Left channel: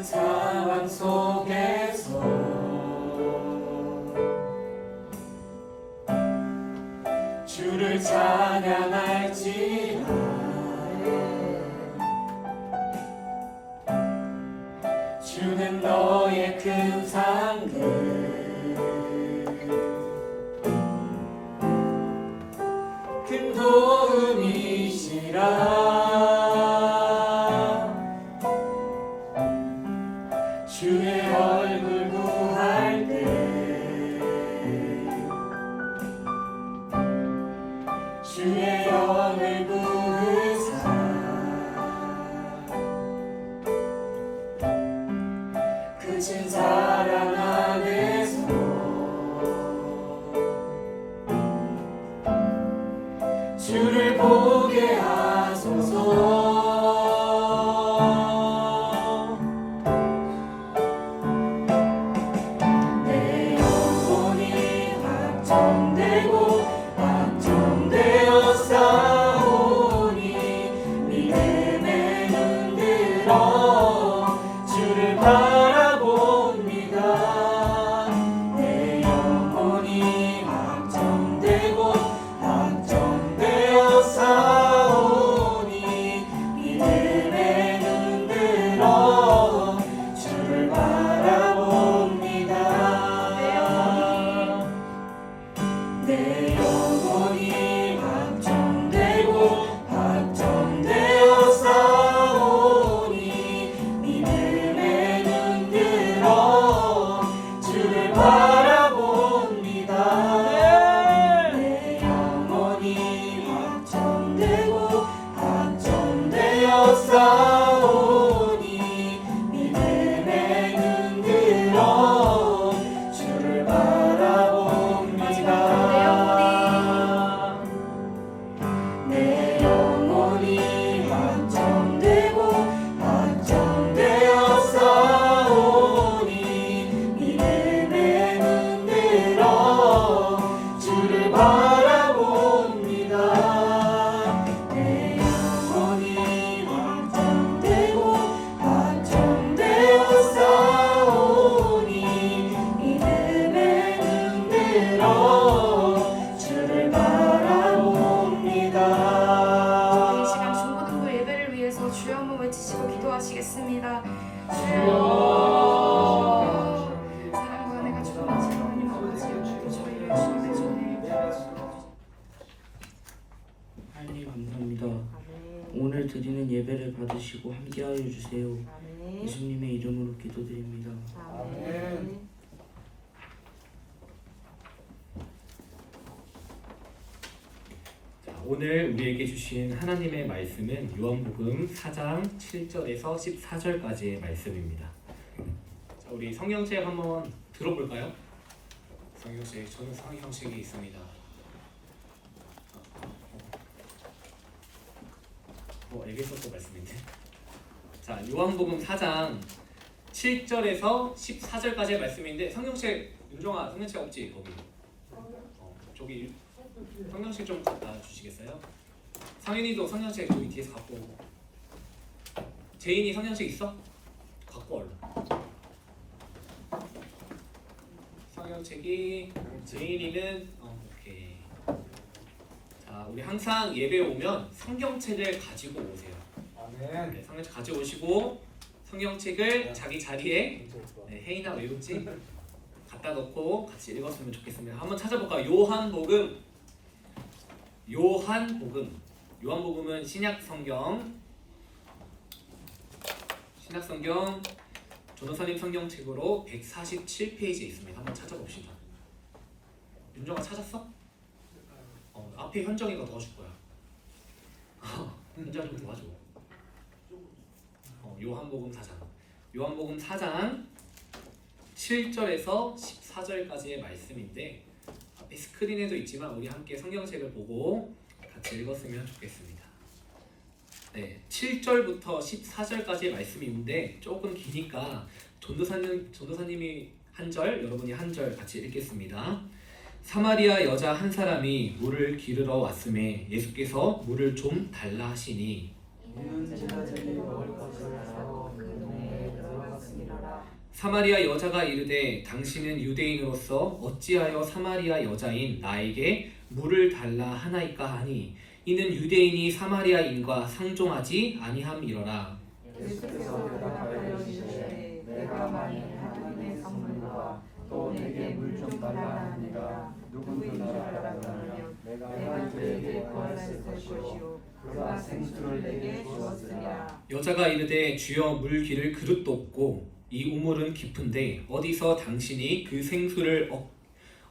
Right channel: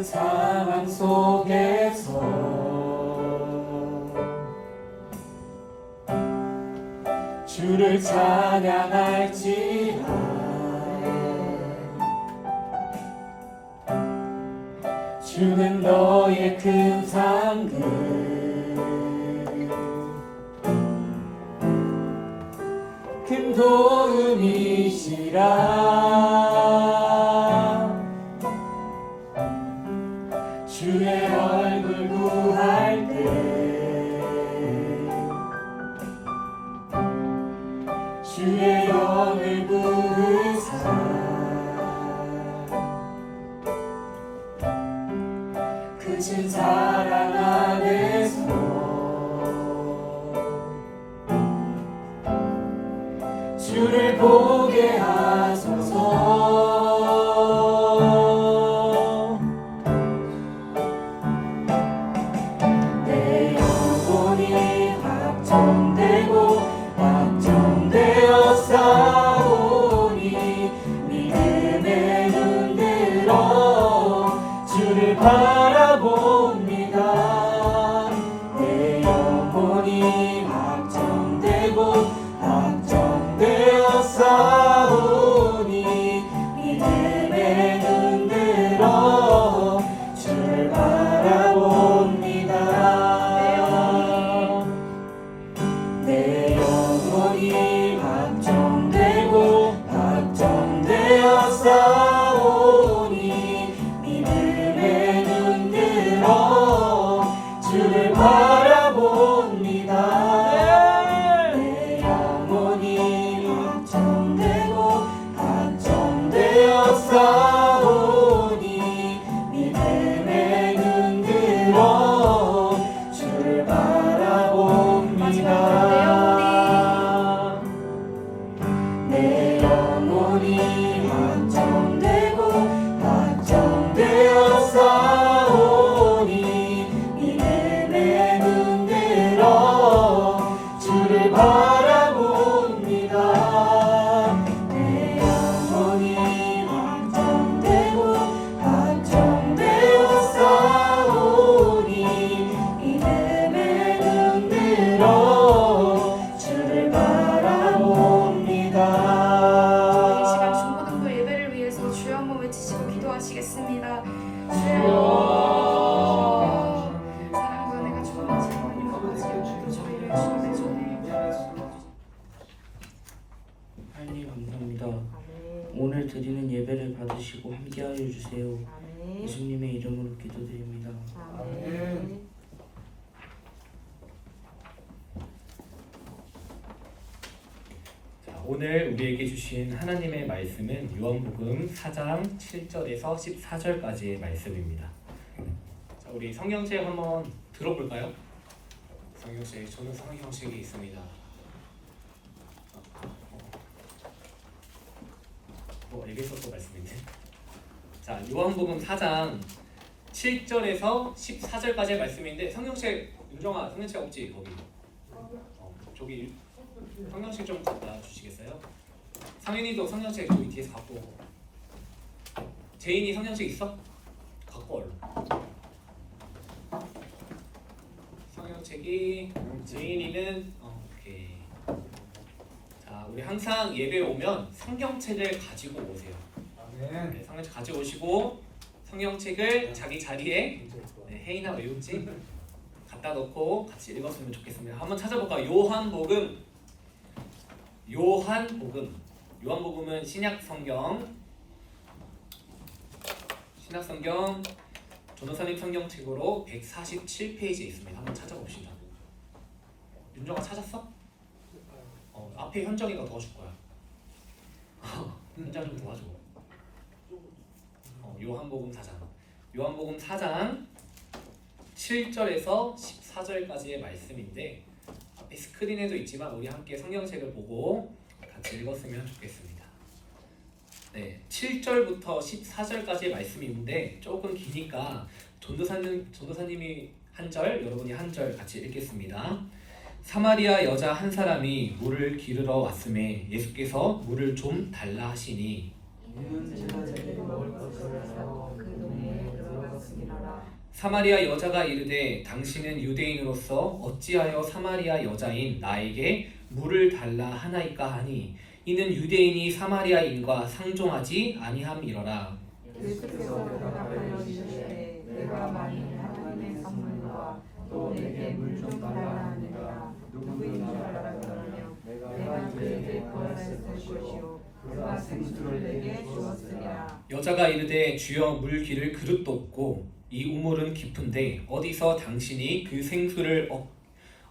힘든 상황 속에서 주를 찬양할지라. 주는 너의 큰 상급, 큰 도움이시라. 주의 얼굴 구할 때 주의 영을 부으사 크신 사랑 안에서 주를 보게 하소서. 내 영혼이 확정되고 확정되어 싸우니 믿음의 눈 들어 주를 바라봅니다. 내 영혼이 확정되고 확정되어 싸우니 믿음의 눈 들어 주를 바라봅니다. 내 영혼이 확정되고 확정되어 싸우니 믿음의 눈 들어 주를 바라봅니다. 내 영혼이 확정되고 확정되어 싸우니 믿음의 눈 들어 주를 바라봅니다. 내 영혼이 확정되고 확정되어 싸우니 믿음의 눈 들어 주를 바라봅니다. 내 영혼이 확정되고 확정되어 싸우니 믿음의 눈 들어 주를 바라봅니다. 이 시간 중고등부 예배를 위해서 주여 한번 외치시고 기도하시겠습니다. 주여, 사랑과 은혜가 충만하신 하나님 아버지, 오늘도 저희를 주님의 손에 하나님 감사합니다. 오늘 드리는 예배를 받으시고 함께하여 주세요. 예수님의 이름으로 기도드립니다. 오늘 우리에게 주신 하나님의 말씀은 요한복음 4장 7절에서 14절까지의 말씀입니다. 자, 우리 성경책 한번 들어볼까요? 성경책, 저는 성경책이 있습니다. 에베소서 말씀인데. 자, 요한복음 4장 7절에서 14절까지의 말씀인데 성경책, 윤정아 성경책 없지? 거기. 저기 성경책 좀 갖다 주시겠어요? 상현이도 성경책 저기 뒤에서 갖고 오고. 제인이 성경책 있어? 갖고 얼른. 성경책이 제인이는 오케이. 자, 우리 항상 예배 오면 성경책을 가지고 오세요. 네, 성경책 가지고 오시고 성경책을 자기 자리에 혜인아 외웠지? 갖다 놓고 같이 읽었으면 좋겠습니다. 한번 찾아볼까요? 요한복음은 신약성경 전도사님 성경책으로 147페이지에 있습니다. 한번 찾아봅시다. 윤정아 찾았어? 앞에 현정이가 도와줄 거야. 현정 좀 도와줘. 요한복음 4장 7절에서 14절까지의 말씀인데 앞에 스크린에도 있지만 우리 함께 성경책을 보고 같이 읽었으면 좋겠습니다. 네, 7절부터 14절까지의 말씀인데 조금 기니까 전도사님이 한 절, 여러분이 한 절 같이 읽겠습니다. 사마리아 여자 한 사람이 물을 기르러 왔음에 예수께서 물을 좀 달라 하시니 이는 제가 제대로 먹을 것을 사고 그 동네에 들어갔습니다. 사마리아 여자가 이르되 당신은 유대인으로서 어찌하여 사마리아 여자인 나에게 물을 달라 하나이까 하니 이는 유대인이 사마리아인과 상종하지 아니함이러라. 예수께서 대답하여 이르시되 내가 만일 하나님의 선물과 또 내게 물 좀 달라 하니까 누구인 줄 알았더라면 내가 그에게 구하였을 것이요 그가 생수를 내게 주었으리라. 여자가 이르되 주여 물 기를 그릇도 없고 이 우물은 깊은데 어디서 당신이 그 생수를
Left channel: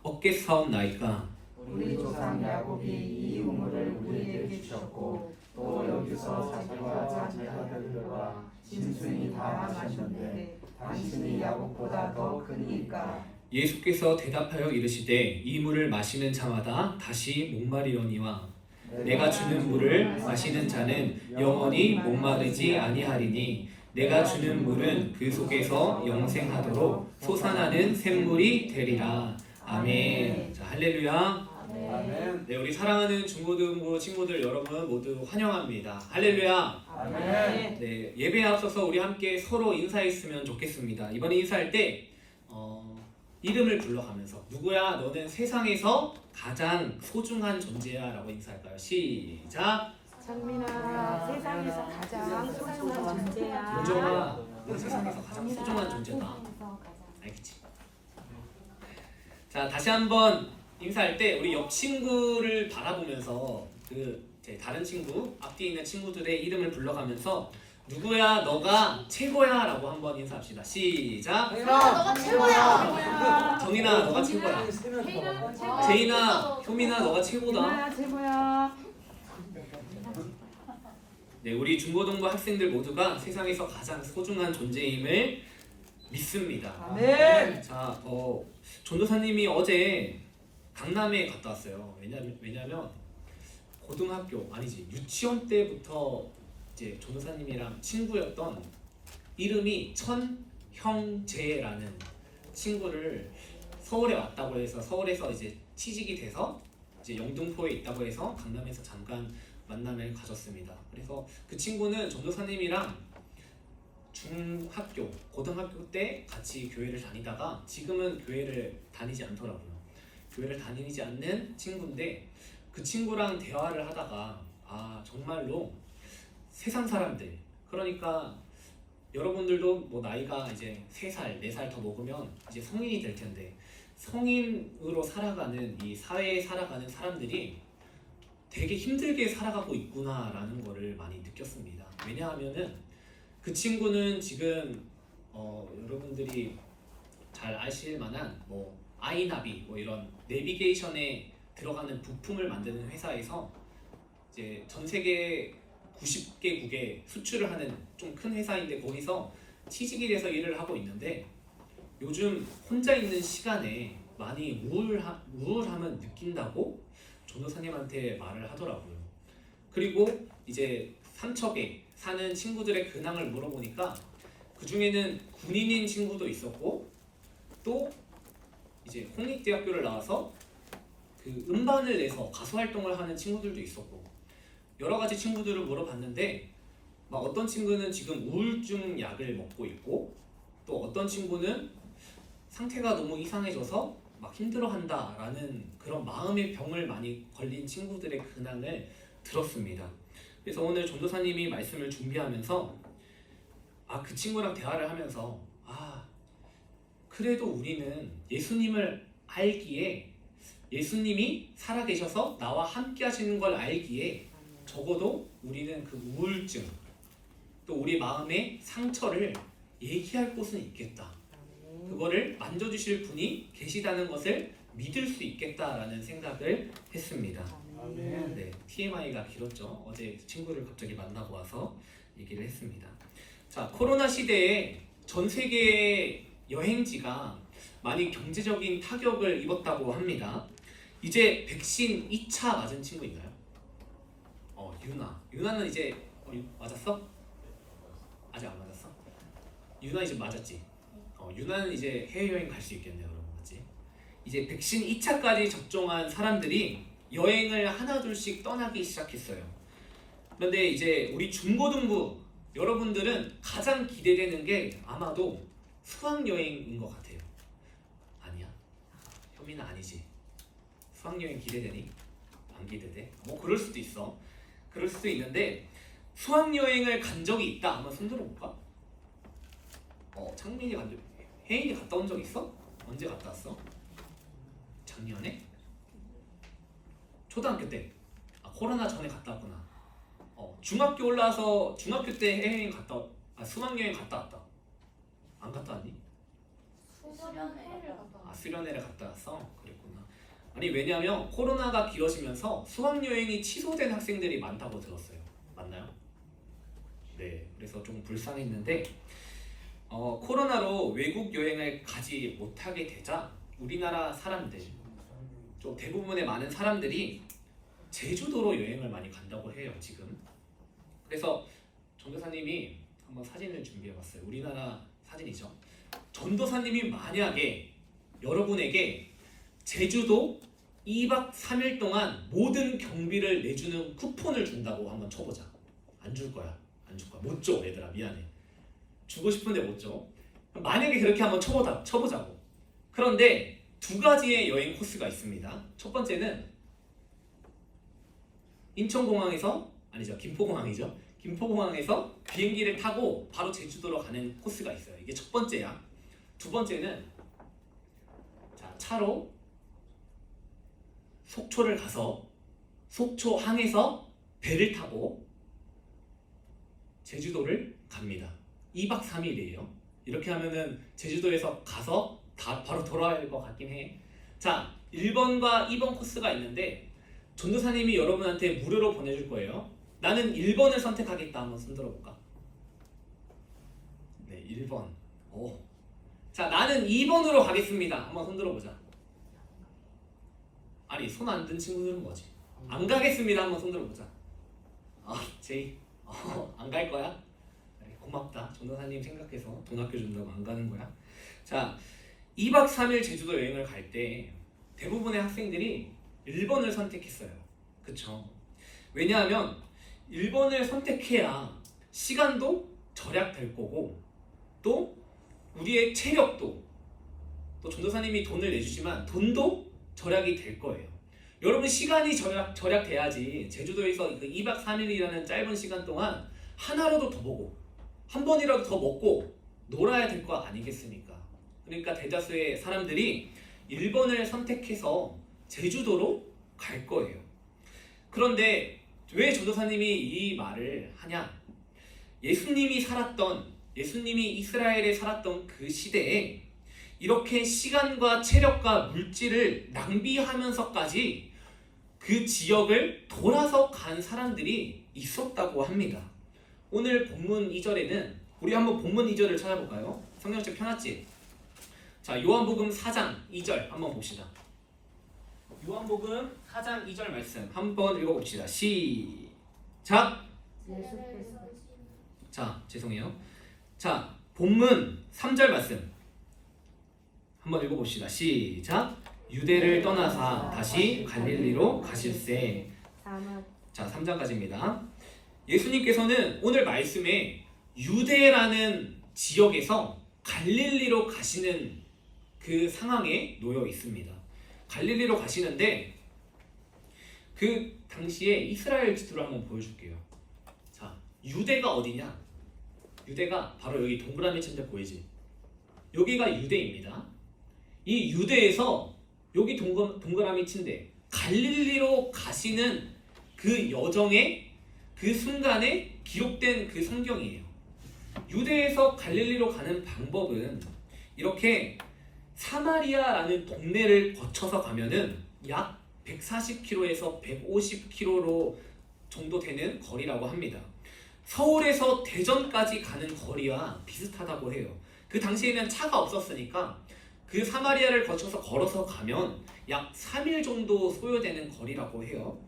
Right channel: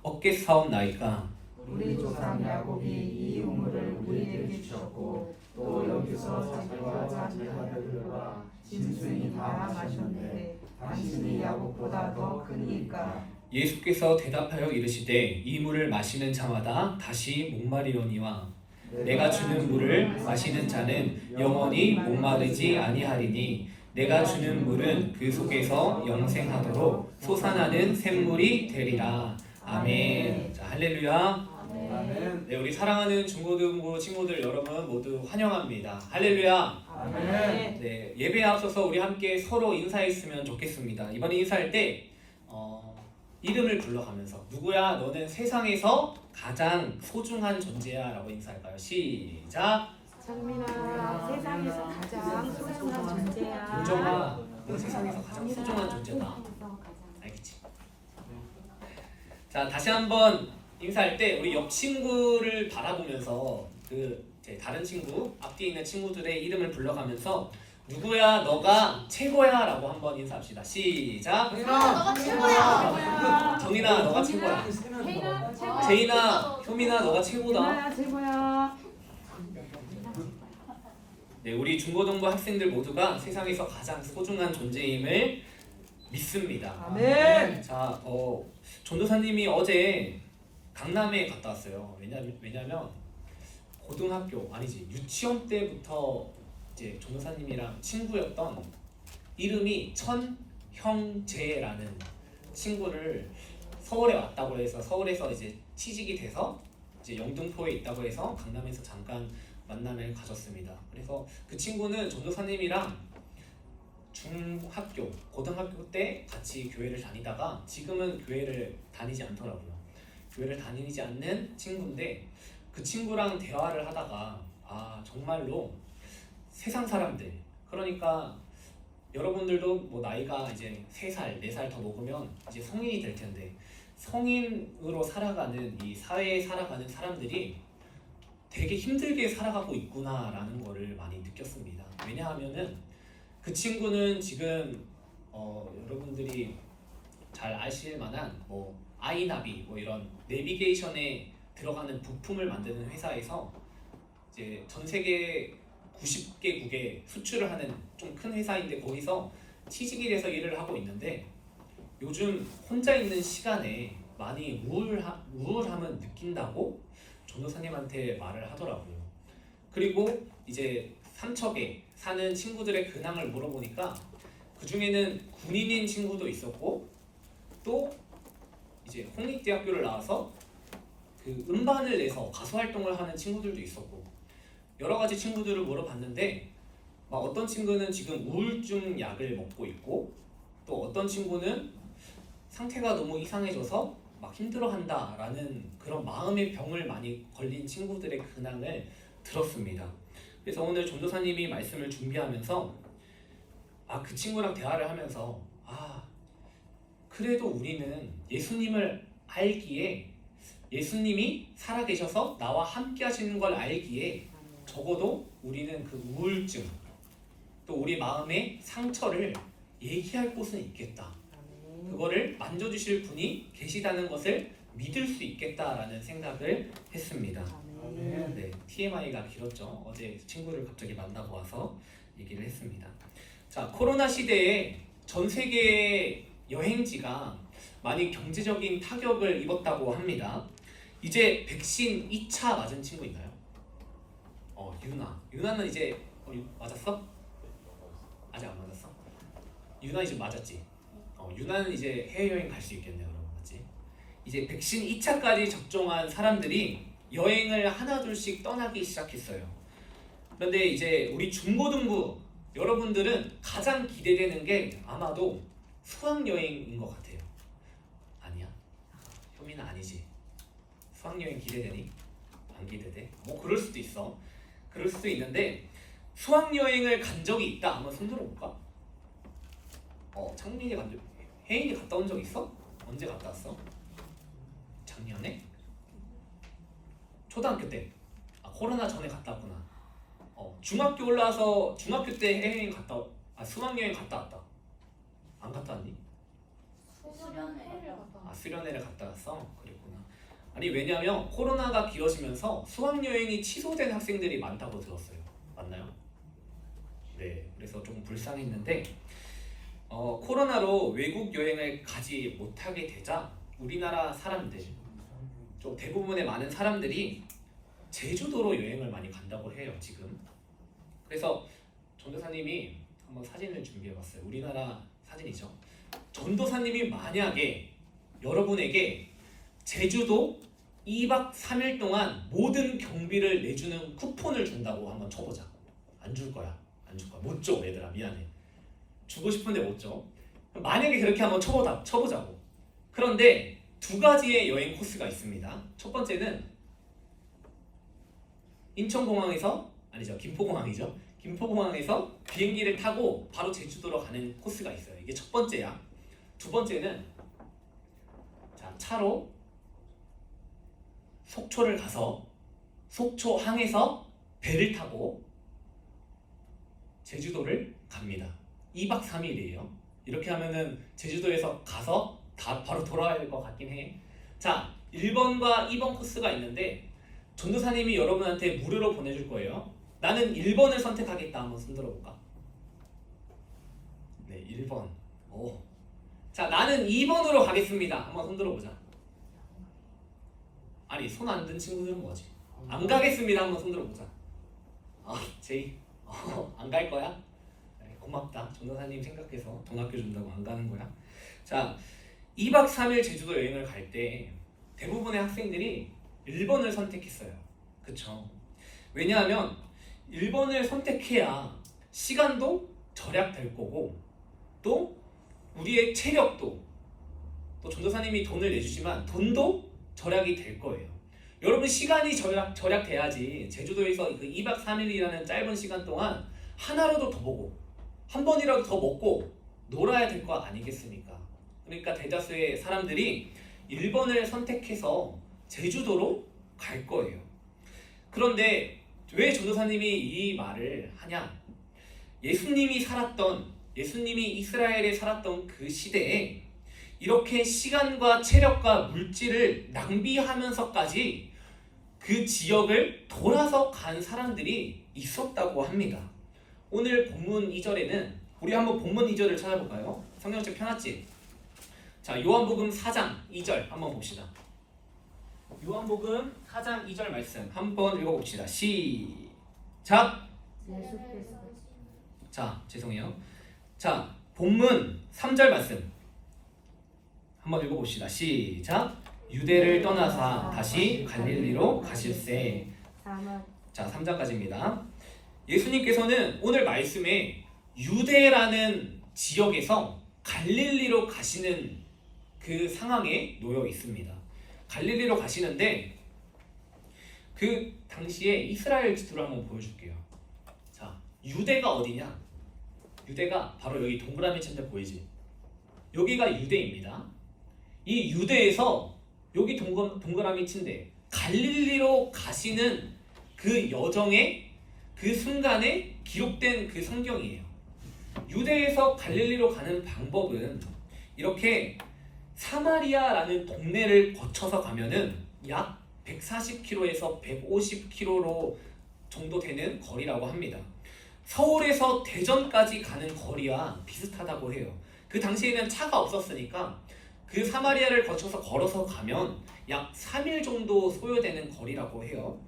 얻겠사옵나이까. 우리 조상 야곱이 이 우물을 우리에게 주셨고 또 여기서 자기와 자기 아들들과 짐승이 다 마셨는데 당신이 야곱보다 더 크니까. 예수께서 대답하여 이르시되 이 물을 마시는 자마다 다시 목마리려니와 내가 주는 물을 마시는 자는 영원히 목마르지 아니하리니 내가 주는 물은 그 속에서 영생하도록 솟아나는 샘물이 되리라. 아멘. 자, 할렐루야. 아멘. 네, 우리 사랑하는 중고등부 친구들 여러분 모두 환영합니다. 할렐루야. 아멘. 네, 예배에 앞서서 우리 함께 서로 인사했으면 좋겠습니다. 이번에 인사할 때 이름을 불러가면서 누구야 너는 세상에서 가장 소중한 존재야 라고 인사할까요? 시작. 정민아, 세상에서 가장 소중한 존재야. 우정아 너 세상에서 가장 소중한 존재다. 알겠지? 자, 다시 한번 인사할 때 우리 옆 친구를 바라보면서 제 다른 친구 앞뒤에 있는 친구들의 이름을 불러가면서 누구야 너가 최고야 라고 한번 인사합시다. 시작. 너가 최고야. 정인아 너가 최고야. 혜인아, 최고야. 제인아 효민아 너가 최고다. 혜인아, 최고야. 네, 우리 중고등부 학생들 모두가 세상에서 가장 소중한 존재임을 믿습니다. 아멘. 자, 전도사님이 어제 강남에 갔다 왔어요. 왜냐면 고등학교 아니지 유치원 때부터 이제 전도사님이랑 친구였던 이름이 천형재라는 친구를 서울에 왔다고 해서 서울에서 이제 취직이 돼서 이제 영등포에 있다고 해서 강남에서 잠깐 만남을 가졌습니다. 그래서 그 친구는 전도사님이랑 중학교, 고등학교 때 같이 교회를 다니다가 지금은 교회를 다니지 않더라고요. 교회를 다니지 않는 친구인데 그 친구랑 대화를 하다가 정말로 세상 사람들, 그러니까 여러분들도 뭐 나이가 이제 3살, 4살 더 먹으면 이제 성인이 될 텐데 성인으로 살아가는 이 사회에 살아가는 사람들이 되게 힘들게 살아가고 있구나라는 거를 많이 느꼈습니다. 왜냐하면은 그 친구는 지금 여러분들이 잘 아실 만한 뭐 아이나비 뭐 이런 내비게이션에 들어가는 부품을 만드는 회사에서 이제 전 세계 90개국에 수출을 하는 좀 큰 회사인데 거기서 취직이 돼서 일을 하고 있는데 요즘 혼자 있는 시간에 많이 우울함을 느낀다고 전도사님한테 말을 하더라고요. 그리고 이제 삼척에 사는 친구들의 근황을 물어보니까 그 중에는 군인인 친구도 있었고 또 이제 공립대학교를 나와서 그 음반을 내서 가수 활동을 하는 친구들도 있었고 여러 가지 친구들을 물어봤는데 막 어떤 친구는 지금 우울증 약을 먹고 있고 또 어떤 친구는 상태가 너무 이상해져서 막 힘들어한다라는 그런 마음의 병을 많이 걸린 친구들의 근황을 들었습니다. 그래서 오늘 전도사님이 말씀을 준비하면서 그 친구랑 대화를 하면서 그래도 우리는 예수님을 알기에 예수님이 살아계셔서 나와 함께 하시는 걸 알기에 적어도 우리는 그 우울증 또 우리 마음의 상처를 얘기할 곳은 있겠다. 그거를 만져주실 분이 계시다는 것을 믿을 수 있겠다라는 생각을 했습니다. 네, TMI가 길었죠. 어제 친구를 갑자기 만나고 와서 얘기를 했습니다. 자, 코로나 시대에 전 세계의 여행지가 많이 경제적인 타격을 입었다고 합니다. 이제 백신 2차 맞은 친구 있나요? 유나는 이제 맞았어? 아직 안 맞았어? 유나 이제 맞았지? 유나는 이제 해외여행 갈 수 있겠네요, 여러분. 맞지? 이제 백신 2차까지 접종한 사람들이 여행을 하나둘씩 떠나기 시작했어요. 그런데 이제 우리 중고등부 여러분들은 가장 기대되는 게 아마도 수학여행인 것 같아요. 아니야? 현민아 아니지? 수학여행 기대되니? 안 기대돼? 뭐 그럴 수도 있어. 그럴 수도 있는데 수학여행을 간 적이 있다? 한번 손 들어볼까? 창민이 간 적, 혜인이 갔다 온 적 있어? 언제 갔다 왔어? 작년에? 초등학교 때? 코로나 전에 갔다 왔구나. 중학교 올라와서 중학교 때 해외여행 수학여행 갔다 왔다. 안 갔다 왔니? 수련회를 갔다 왔어? 그랬구나. 아니 왜냐면 코로나가 길어지면서 수학여행이 취소된 학생들이 많다고 들었어요. 맞나요? 네, 그래서 좀 불쌍했는데 코로나로 외국 여행을 가지 못하게 되자 우리나라 사람들, 좀 대부분의 많은 사람들이 제주도로 여행을 많이 간다고 해요 지금. 그래서 전도사님이 한번 사진을 준비해봤어요. 우리나라 사진이죠. 전도사님이 만약에 여러분에게 제주도 2박 3일 동안 모든 경비를 내주는 쿠폰을 준다고 한번 쳐보자. 안 줄 거야. 안 줄 거야. 못 줘 얘들아. 미안해. 주고 싶은데 못 줘. 만약에 그렇게 한번 쳐보자고. 그런데 두 가지의 여행 코스가 있습니다. 첫 번째는 인천공항에서 아니죠. 김포공항이죠. 김포공항에서 비행기를 타고 바로 제주도로 가는 코스가 있어요. 이게 첫 번째야. 두 번째는 차로 속초를 가서 속초항에서 배를 타고 제주도를 갑니다. 2박 3일이에요. 이렇게 하면은 제주도에서 가서 다 바로 돌아야 할 것 같긴 해. 자, 1번과 2번 코스가 있는데 전도사님이 여러분한테 무료로 보내줄 거예요. 나는 1번을 선택하겠다. 한번 손 들어볼까? 네, 1번. 자, 나는 2번으로 가겠습니다. 한번 손 들어보자. 아니, 손 안 든 친구들은 뭐지? 안 가겠습니다. 한번 손 들어보자. 제이, 안 갈 거야? 네, 고맙다. 전도사님 생각해서 돈 아껴준다고 안 가는 거야. 자, 2박 3일 제주도 여행을 갈 때 대부분의 학생들이 1번을 선택했어요. 그쵸? 왜냐하면 1번을 선택해야 시간도 절약될 거고 또 우리의 체력도 또 전도사님이 돈을 내주지만 돈도 절약이 될 거예요. 여러분 시간이 절약돼야지 제주도에서 그 2박 3일이라는 짧은 시간 동안 하나라도 더 보고 한 번이라도 더 먹고 놀아야 될 거 아니겠습니까? 그러니까 대다수의 사람들이 1번을 선택해서 제주도로 갈 거예요. 그런데 왜 전도사님이 이 말을 하냐? 예수님이 이스라엘에 살았던 그 시대에 이렇게 시간과 체력과 물질을 낭비하면서까지 그 지역을 돌아서 간 사람들이 있었다고 합니다. 오늘 본문 2절에는 우리 한번 본문 2절을 찾아볼까요? 성경책 펴놨지? 자, 요한복음 4장 2절 한번 봅시다. 요한복음 4장 2절 말씀 한번 읽어봅시다. 시작! 예수께서 자, 죄송해요. 자, 본문 3절 말씀 한번 읽어봅시다. 시작! 유대를 떠나사 다시 갈릴리로 가실새. 자, 3장까지입니다. 예수님께서는 오늘 말씀에 유대라는 지역에서 갈릴리로 가시는 그 상황에 놓여 있습니다. 갈릴리로 가시는데 그 당시에 이스라엘 지도를 한번 보여줄게요. 자, 유대가 어디냐? 유대가 바로 여기 동그라미 친 데 보이지? 여기가 유대입니다. 이 유대에서 여기 동그라미 친 데 갈릴리로 가시는 그 여정의 그 순간에 기록된 그 성경이에요. 유대에서 갈릴리로 가는 방법은 이렇게 사마리아라는 동네를 거쳐서 가면은 약 140km에서 150km 정도 되는 거리라고 합니다. 서울에서 대전까지 가는 거리와 비슷하다고 해요. 그 당시에는 차가 없었으니까 그 사마리아를 거쳐서 걸어서 가면 약 3일 정도 소요되는 거리라고 해요.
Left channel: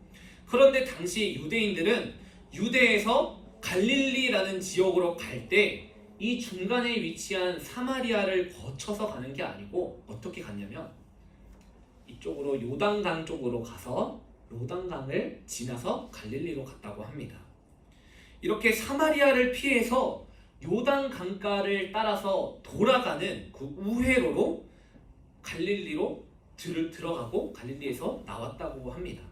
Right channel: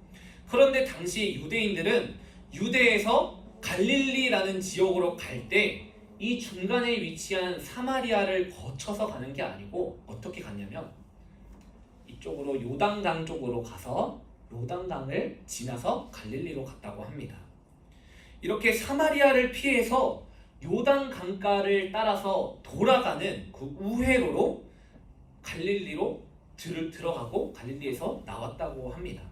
그런데 당시 유대인들은 유대에서 갈릴리라는 지역으로 갈 때 이 중간에 위치한 사마리아를 거쳐서 가는 게 아니고 어떻게 갔냐면 이쪽으로 요단강 쪽으로 가서 요단강을 지나서 갈릴리로 갔다고 합니다. 이렇게 사마리아를 피해서 요단 강가를 따라서 돌아가는 그 우회로로 갈릴리로 들어가고 갈릴리에서 나왔다고 합니다.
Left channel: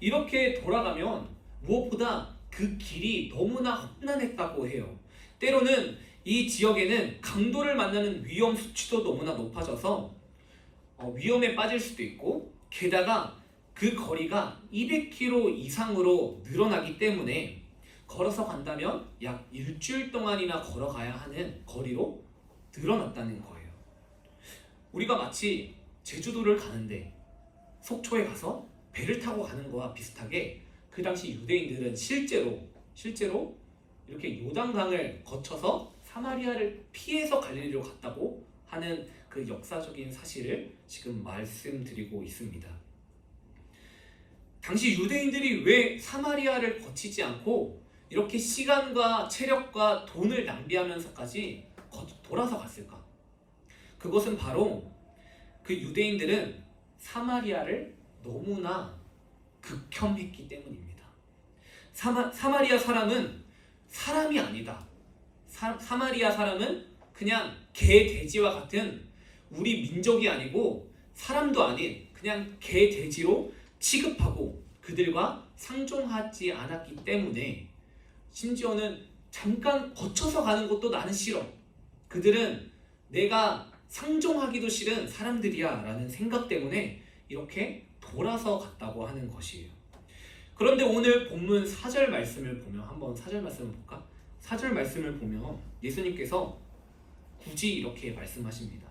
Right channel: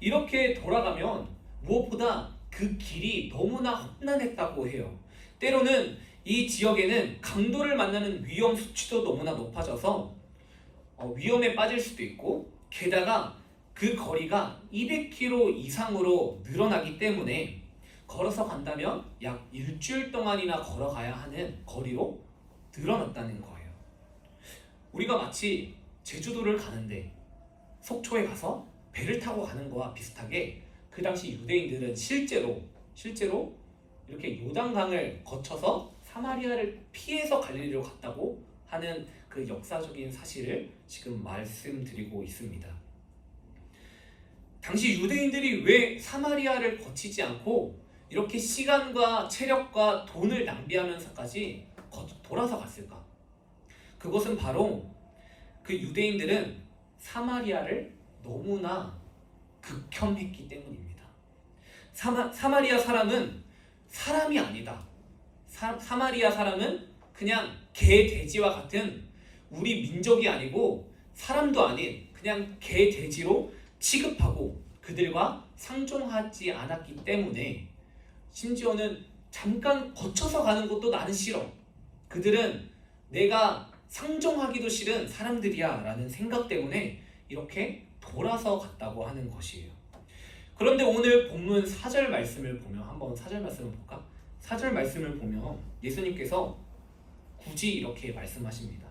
이렇게 돌아가면 무엇보다 그 길이 너무나 험난했다고 해요. 때로는 이 지역에는 강도를 만나는 위험 수치도 너무나 높아져서 위험에 빠질 수도 있고, 게다가 그 거리가 200km 이상으로 늘어나기 때문에 걸어서 간다면 약 일주일 동안이나 걸어가야 하는 거리로 늘어났다는 거예요. 우리가 마치 제주도를 가는데 속초에 가서 배를 타고 가는 거와 비슷하게 그 당시 유대인들은 실제로 이렇게 요단강을 거쳐서 사마리아를 피해서 갈릴리로 갔다고 하는 그 역사적인 사실을 지금 말씀드리고 있습니다. 당시 유대인들이 왜 사마리아를 거치지 않고 이렇게 시간과 체력과 돈을 낭비하면서까지 돌아서 갔을까? 그것은 바로 그 유대인들은 사마리아를 너무나 극혐했기 때문입니다. 사마리아 사람은 사람이 아니다. 사마리아 사람은 그냥 개, 돼지와 같은 우리 민족이 아니고 사람도 아닌 그냥 개, 돼지로 취급하고 그들과 상종하지 않았기 때문에, 심지어는 잠깐 거쳐서 가는 것도 나는 싫어, 그들은 내가 상종하기도 싫은 사람들이야 라는 생각 때문에 이렇게 돌아서 갔다고 하는 것이에요. 그런데 오늘 본문 4절 말씀을 보면, 한번 4절 말씀을 볼까? 4절 말씀을 보면 예수님께서 굳이 이렇게 말씀하십니다.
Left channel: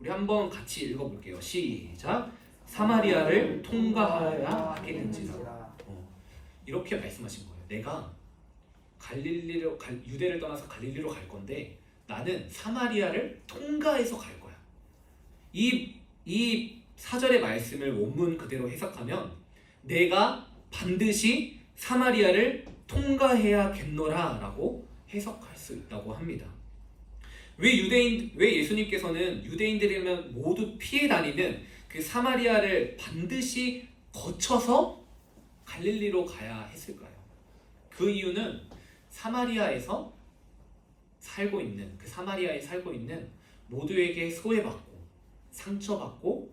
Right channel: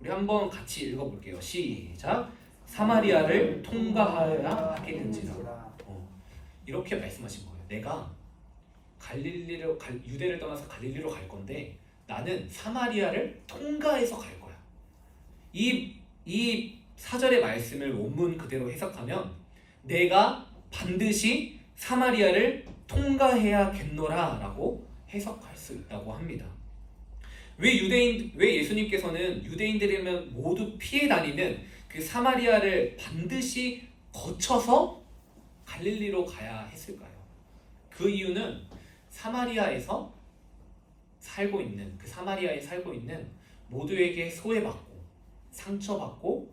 우리 한번 같이 읽어볼게요. 시작. 사마리아를 통과하여야 하겠는지라. 이렇게 말씀하신 거예요. 내가 유대를 떠나서 갈릴리로 갈 건데 나는 사마리아를 통과해서 갈 거야. 이 4절의 말씀을 원문 그대로 해석하면 내가 반드시 사마리아를 통과해야겠노라 라고 해석할 수 있다고 합니다. 왜 예수님께서는 유대인들이면 모두 피해 다니는 그 사마리아를 반드시 거쳐서 갈릴리로 가야 했을까요? 그 이유는 사마리아에 살고 있는 모두에게 소외받고 상처받고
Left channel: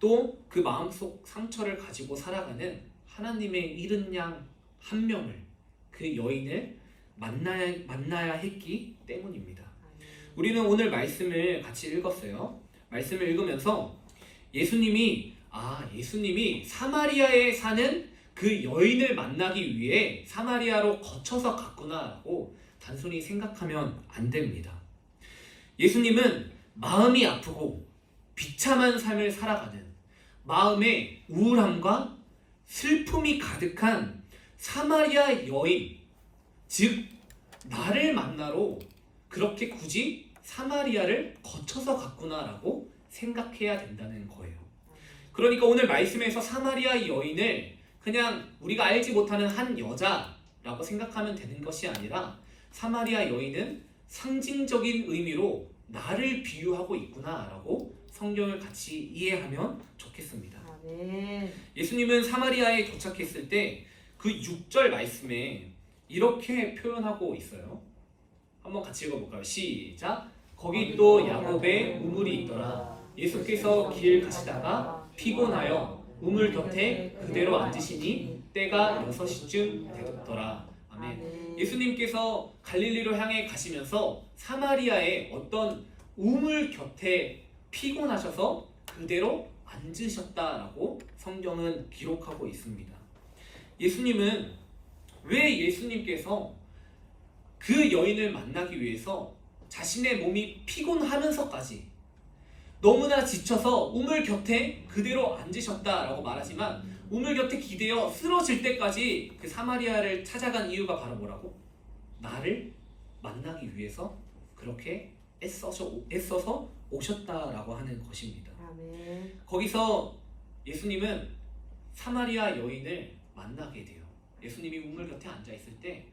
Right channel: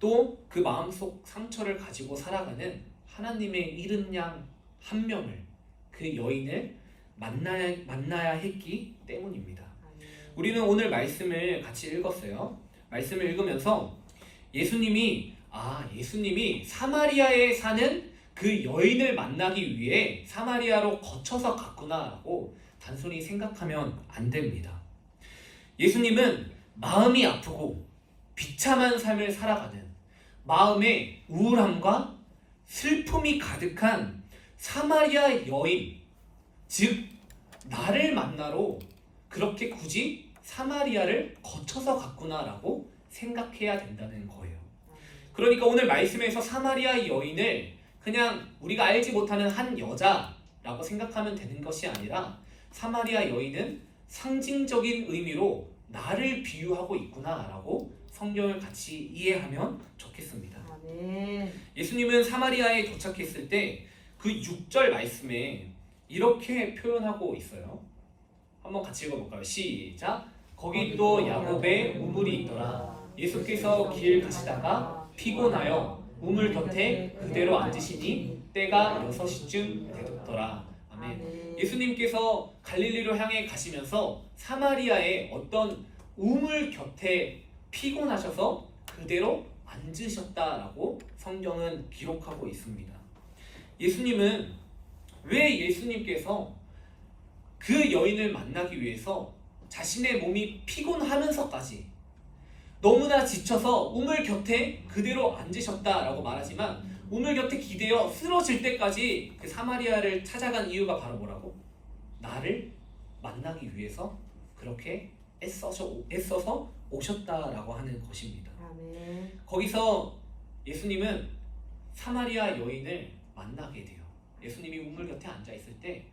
또 그 마음속 상처를 가지고 살아가는 하나님의 잃은 양 한 명을, 그 여인을 만나야 했기 때문입니다. 우리는 오늘 말씀을 같이 읽었어요. 말씀을 읽으면서 예수님이 사마리아에 사는 그 여인을 만나기 위해 사마리아로 거쳐서 갔구나라고 단순히 생각하면 안 됩니다. 예수님은 마음이 아프고 비참한 삶을 살아가는, 마음에 우울함과 슬픔이 가득한 사마리아 여인, 즉 나를 만나러 그렇게 굳이 사마리아를 거쳐서 갔구나라고 생각해야 된다는 거예요. 그러니까 오늘 말씀에서 사마리아 여인을 그냥 우리가 알지 못하는 한 여자라고 생각하면 되는 것이 아니라, 사마리아 여인은 상징적인 의미로 나를 비유하고 있구나라고 성경을 같이 이해하면 좋겠습니다. 아멘. 예수님은 사마리아에 도착했을 때 그 6절 말씀에 이렇게 표현하고 있어요. 한번 같이 읽어볼까요? 시작. 거기 또 야곱의 우물이 있더라. 예수께서 길 가시다가 피곤하여 우물 곁에 그대로 앉으시니 때가 6시쯤 되었더라. 아멘. 예수님께서 갈릴리로 향해 가시면서 사마리아의 어떤 우물 곁에 피곤하셔서 그대로 앉으셨다라고 성경은 기록하고 있습니다. 예수님께서 그 여인을 만나기 위해서 자신의 몸이 피곤하면서까지 너무나 지쳐서 우물 곁에 그대로 앉으셨다라고 말하지만, 우물 곁에 기대어 쓰러질 때까지 그 사마리아를 찾아간 이유가 바로 뭐라고? 나를 만나기 위해서 그렇게 애써서 오셨다라고 하는 것입니다. 아멘. 거기서 예수님은 사마리아 여인을 만나게 돼요. 예수님이 우물 곁에 앉아 있을 때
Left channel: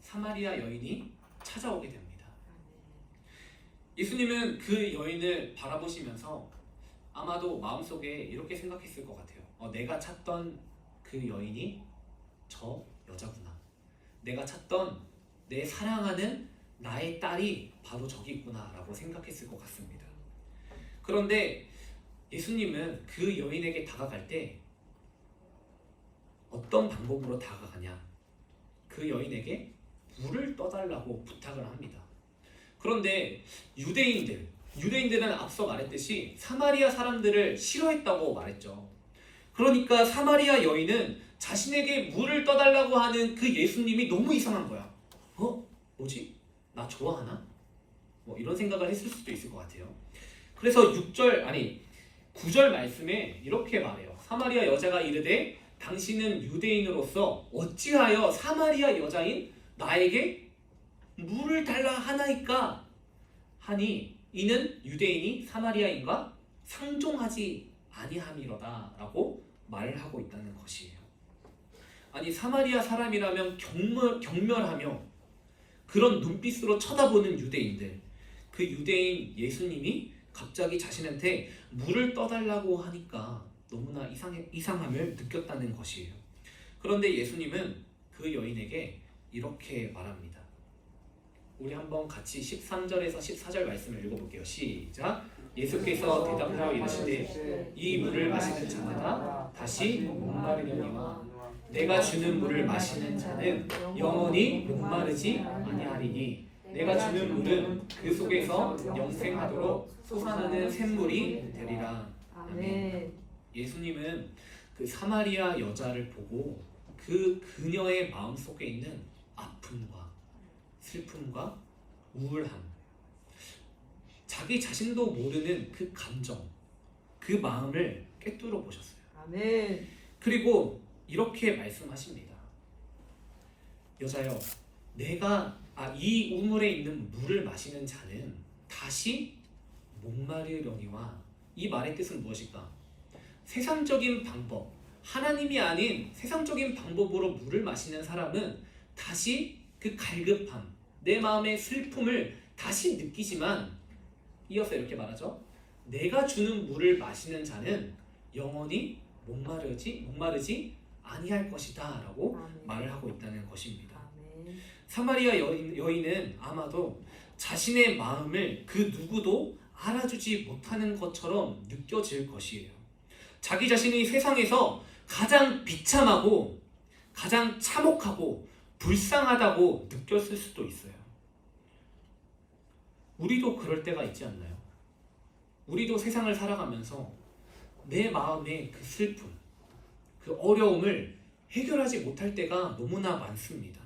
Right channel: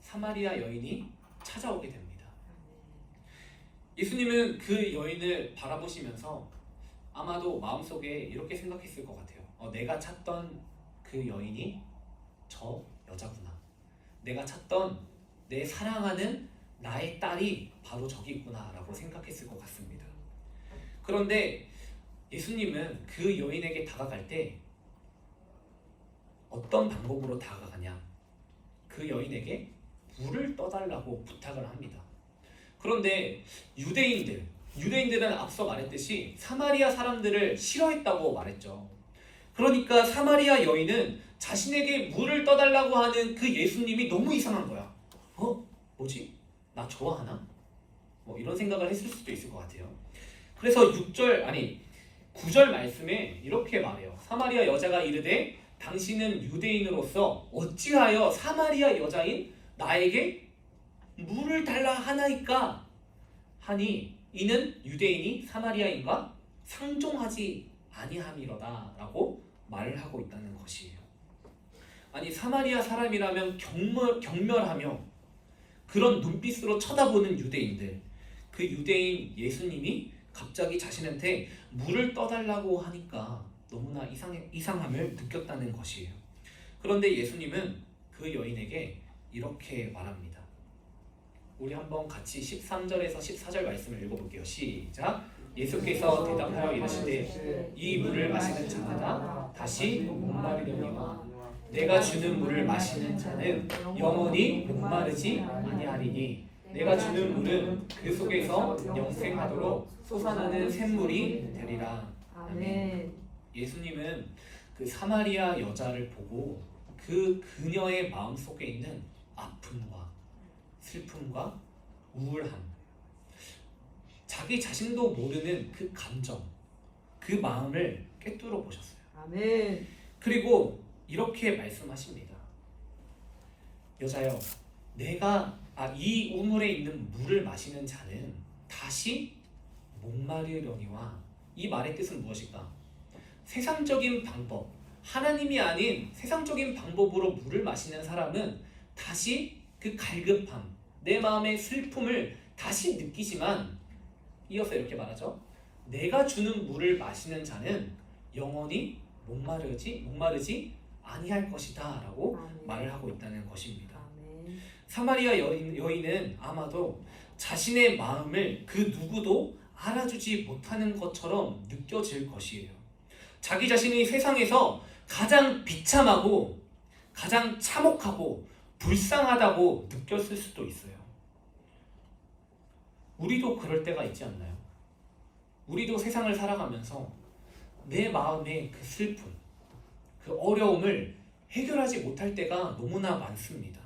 사마리아 여인이 찾아오게 됩니다. 예수님은 그 여인을 바라보시면서 아마도 마음속에 이렇게 생각했을 것 같아요. 내가 찾던 그 여인이 저 여자구나. 내가 찾던 내 사랑하는 나의 딸이 바로 저기 있구나라고 생각했을 것 같습니다. 그런데 예수님은 그 여인에게 다가갈 때 어떤 방법으로 다가가냐? 그 여인에게 물을 떠달라고 부탁을 합니다. 그런데 유대인들은 앞서 말했듯이 사마리아 사람들을 싫어했다고 말했죠. 그러니까 사마리아 여인은 자신에게 물을 떠달라고 하는 그 예수님이 너무 이상한 거야. 뭐지? 나 좋아하나? 뭐 이런 생각을 했을 수도 있을 것 같아요. 그래서 9절 말씀에 이렇게 말해요. 사마리아 여자가 이르되 당신은 유대인으로서 어찌하여 사마리아 여자인 나에게 물을 달라 하나이까 하니 이는 유대인이 사마리아인과 상종하지 아니함이로다 라고 말을 하고 있다는 것이에요. 아니 사마리아 사람이라면 경멸하며 그런 눈빛으로 쳐다보는 유대인들, 그 유대인 예수님이 갑자기 자신한테 물을 떠달라고 하니까 너무나 이상함을 느꼈다는 것이에요. 그런데 예수님은 그 여인에게 이렇게 말합니다. 우리 한번 같이 13절에서 14절 말씀을 읽어볼게요. 시작. 예수께서 대답하여 이르시되 이 물을 마시는 자마다 다시 목마르려니와 내가 주는 물을 마시는 자는 영원히 목마르지 아니하리니 내가 주는 물은 그 속에서 영생하도록 솟아나는 샘물이 되리라. 아멘. 예수님은 그 사마리아 여자를 보고 그 그녀의 마음속에 있는 아픔과 슬픔과 우울함, 자기 자신도 모르는 그 감정, 그 마음을 꿰뚫어 보셨어요. 아멘. 그리고 이렇게 말씀하십니다. 여자여, 이 우물에 있는 물을 마시는 자는 다시 목마르려니와, 이 말의 뜻은 무엇일까? 세상적인 방법, 하나님이 아닌 세상적인 방법으로 물을 마시는 사람은 다시 그 갈급함, 내 마음의 슬픔을 다시 느끼지만, 이어서 이렇게 말하죠. 내가 주는 물을 마시는 자는 영원히 목마르지 아니할 것이다 라고 아멘. 말을 하고 있다는 것입니다. 아멘. 사마리아 여인은 아마도 자신의 마음을 그 누구도 알아주지 못하는 것처럼 느껴질 것이에요. 자기 자신이 세상에서 가장 비참하고 가장 참혹하고 불쌍하다고 느꼈을 수도 있어요. 우리도 그럴 때가 있지 않나요? 우리도 세상을 살아가면서 내 마음의 그 슬픔, 그 어려움을 해결하지 못할 때가 너무나 많습니다.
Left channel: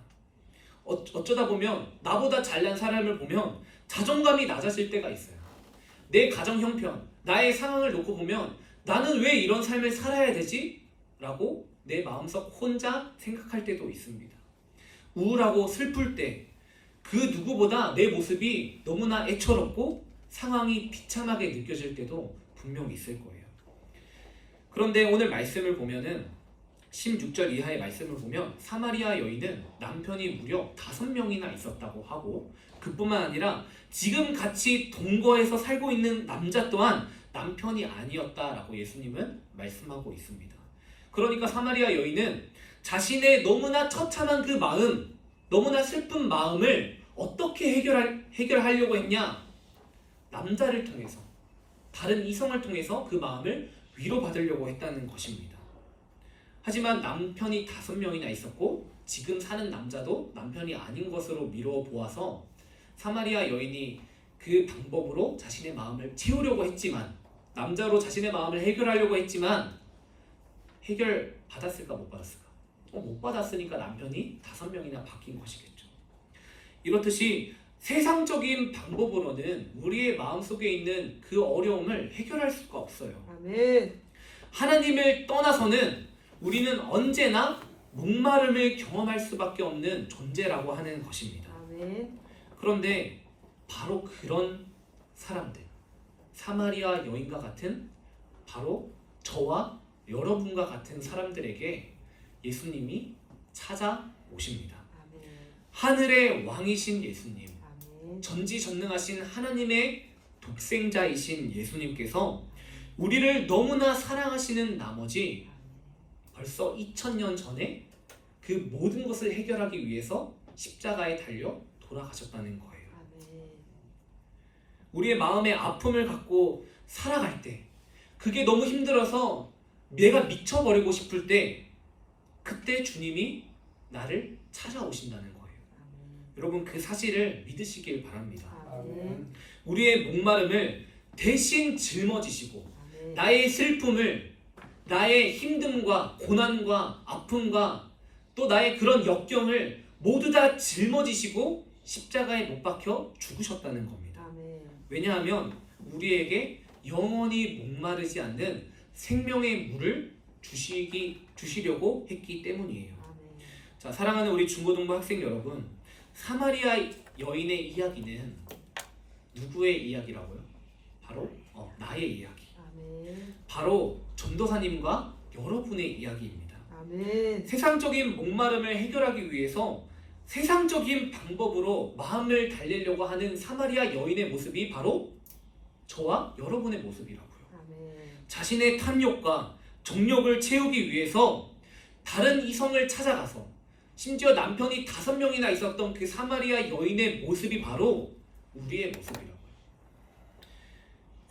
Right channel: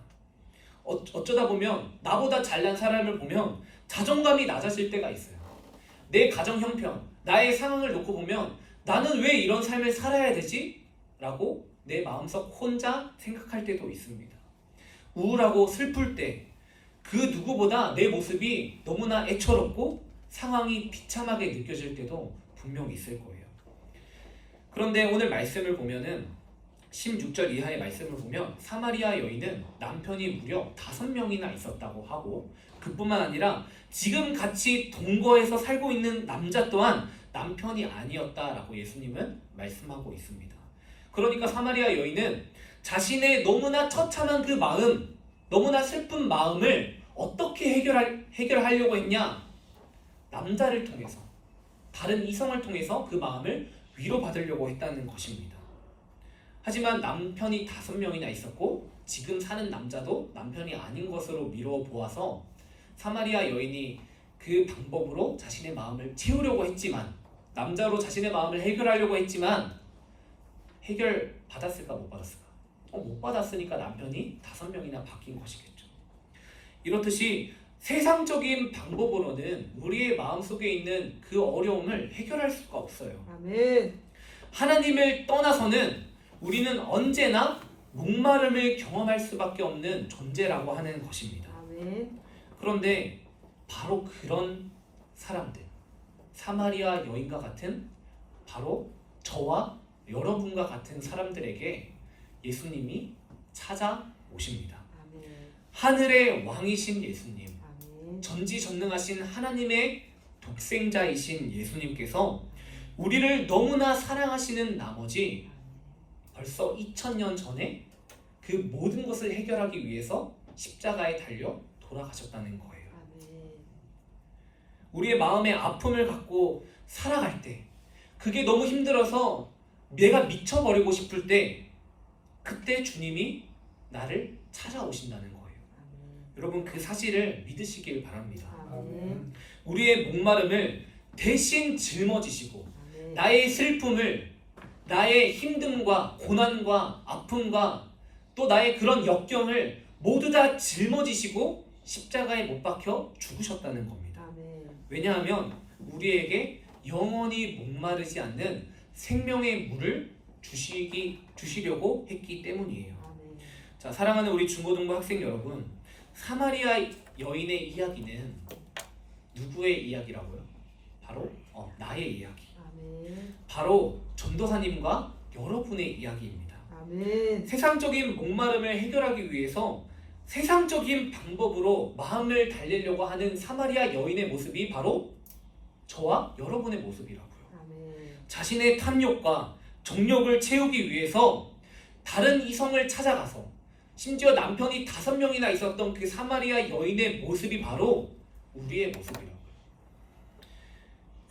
어쩌다 보면 나보다 잘난 사람을 보면 자존감이 낮아질 때가 있어요. 내 가정 형편, 나의 상황을 놓고 보면 나는 왜 이런 삶을 살아야 되지? 라고 내 마음속 혼자 생각할 때도 있습니다. 우울하고 슬플 때 그 누구보다 내 모습이 너무나 애처롭고 상황이 비참하게 느껴질 때도 분명히 있을 거예요. 그런데 오늘 말씀을 보면은 16절 이하의 말씀을 보면 사마리아 여인은 남편이 무려 5명이나 있었다고 하고, 그뿐만 아니라 지금 같이 동거해서 살고 있는 남자 또한 남편이 아니었다라고 예수님은 말씀하고 있습니다. 그러니까 사마리아 여인은 자신의 너무나 처참한 그 마음, 너무나 슬픈 마음을 어떻게 해결하려고 했냐? 남자를 통해서, 다른 이성을 통해서 그 마음을 위로받으려고 했다는 것입니다. 하지만 남편이 5명이나 있었고 지금 사는 남자도 남편이 아닌 것으로 미루어 보아서 사마리아 여인이 그 방법으로 자신의 마음을 채우려고 했지만, 남자로 자신의 마음을 해결하려고 했지만 해결 받았을까 못 받았을까? 못 받았으니까 남편이 5명이나 바뀐 것이겠죠. 이렇듯이 세상적인 방법으로는 우리의 마음속에 있는 그 어려움을 해결할 수가 없어요. 아멘. 하나님을 떠나서는 우리는 언제나 목마름을 경험할 수밖에 없는 존재라고 하는 것입니다. 아멘. 그런데 바로 그런 사람들, 사마리아 여인과 같은, 바로 저와 여러분과 같은 사람들에게 예수님이 찾아오십니다. 아멘. 하늘의 왕이신 예수님, 아멘. 전지전능하신 하나님의 독생자이신 예수님께서 우리를 너무나 사랑하시는 나머지 벌써 2000년 전에 그 모든 것을 해결하기 위해서 십자가에 달려 돌아가셨다는 거예요. 우리의 마음의 아픔을 갖고 살아갈 때, 그게 너무 힘들어서 내가 미쳐버리고 싶을 때, 그때 주님이 나를 찾아오신다는 거예요. 여러분, 그 사실을 믿으시길 바랍니다. 우리의 목마름을 대신 짊어지시고 나의 슬픔을, 나의 힘듦과 고난과 아픔과 또 나의 그런 역경을 모두 다 짊어지시고 십자가에 못 박혀 죽으셨다는 겁니다. 왜냐하면 우리에게 영원히 목마르지 않는 생명의 물을 주시려고 했기 때문이에요. 자, 사랑하는 우리 중고등부 학생 여러분, 사마리아 여인의 이야기는 누구의 이야기라고요? 바로 나의 이야기. 바로 전도사님과 여러분의 이야기입니다. 세상적인 목마름을 해결하기 위해서 세상적인 방법으로 마음을 달래려고 하는 사마리아 여인의 모습이 바로 저와 여러분의 모습이라고요. 자신의 탐욕과 정욕을 채우기 위해서 다른 이성을 찾아가서, 심지어 남편이 5명이나 있었던 그 사마리아 여인의 모습이 바로 우리의 모습이라고요.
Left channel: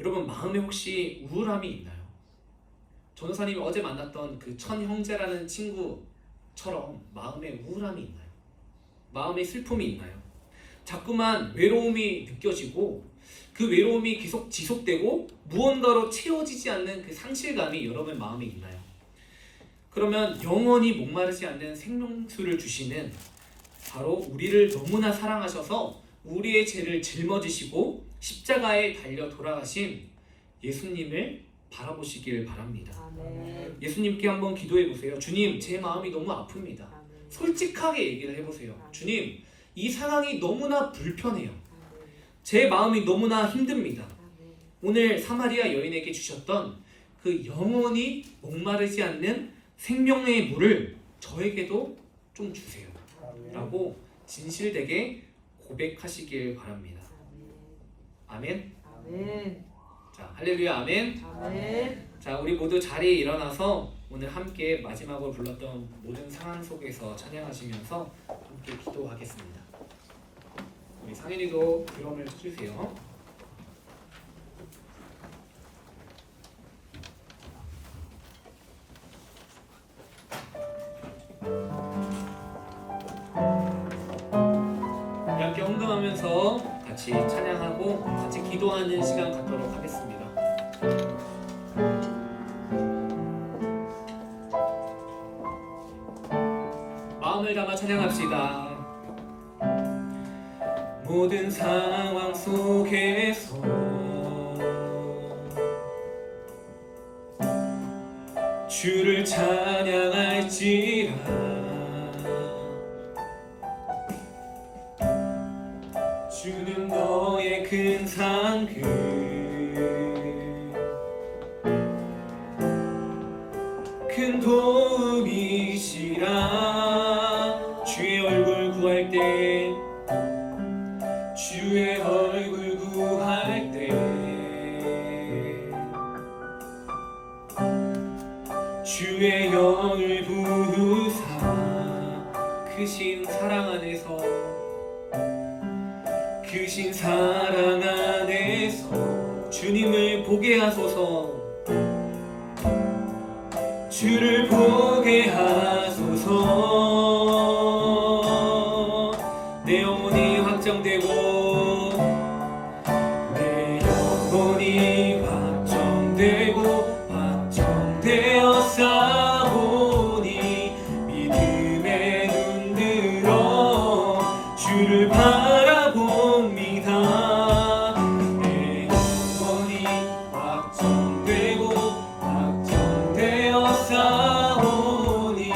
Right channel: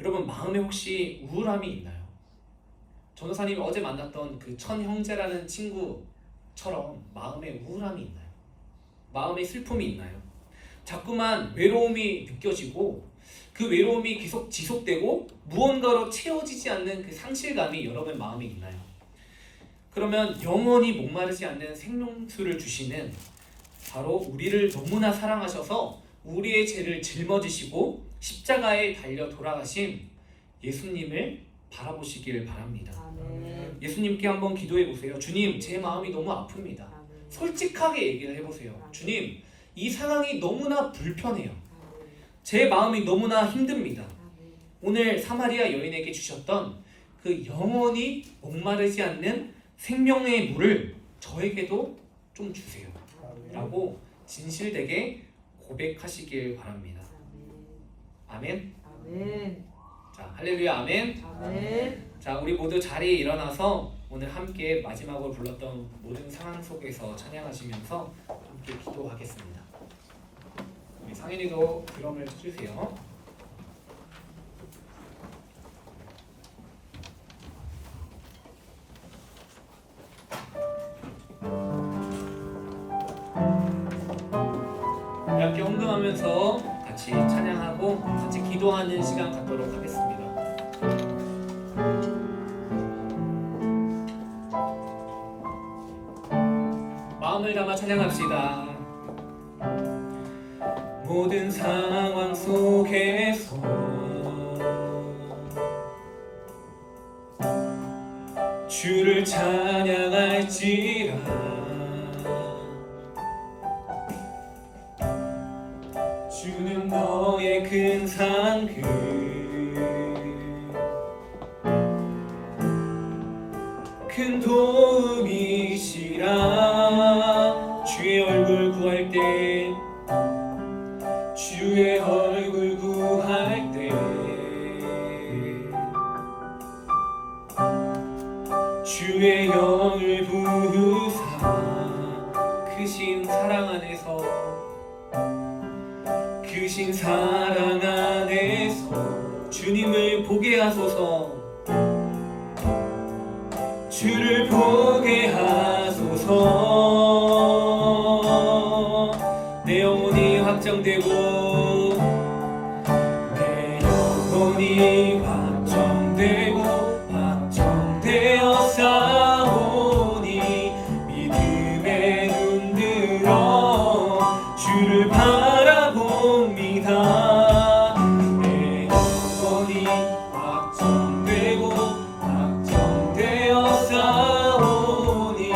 여러분, 마음에 혹시 우울함이 있나요? 전도사님이 어제 만났던 그 천형제라는 친구처럼 마음에 우울함이 있나요? 마음에 슬픔이 있나요? 자꾸만 외로움이 느껴지고 그 외로움이 계속 지속되고 무언가로 채워지지 않는 그 상실감이 여러분 마음에 있나요? 그러면 영원히 목마르지 않는 생명수를 주시는, 바로 우리를 너무나 사랑하셔서 우리의 죄를 짊어지시고 십자가에 달려 돌아가신 예수님을 바라보시길 바랍니다. 예수님께 한번 기도해 보세요. 주님, 제 마음이 너무 아픕니다. 솔직하게 얘기를 해보세요. 주님, 이 상황이 너무나 불편해요. 제 마음이 너무나 힘듭니다. 오늘 사마리아 여인에게 주셨던 그 영원히 목마르지 않는 생명의 물을 저에게도 좀 주세요 라고 진실되게 고백하시길 바랍니다. 아멘. 자, 할렐루야, 아멘. 자, 우리 모두 자리에 일어나서 오늘 함께 마지막으로 불렀던 모든 상황 속에서 찬양하시면서 함께 기도하겠습니다. 우리 상현이도 드럼을 쳐주세요. 함께 헌금하면서 같이 찬양하고 같이 기도하는 시간 갖도록 하겠습니다. 마음을 담아 찬양합시다. 모든 상황 속에서 주를 찬양할지라. 주는 너의 큰 상급, 큰 도움이시라. 주의 얼굴 구할 때, 주의 얼굴 구할 때, 주의 영을 부으사 크신 사랑 안에서, 크신 사랑 안에서 주님을 보게 하소서. 주를 보게 하소서. 내 영혼이 확정되고, 내 영혼이 확정되고 확정되어 싸우니 믿음에 눈들어 주를 바라봅니다. 내 영혼이 확정되고 확정되어 싸우니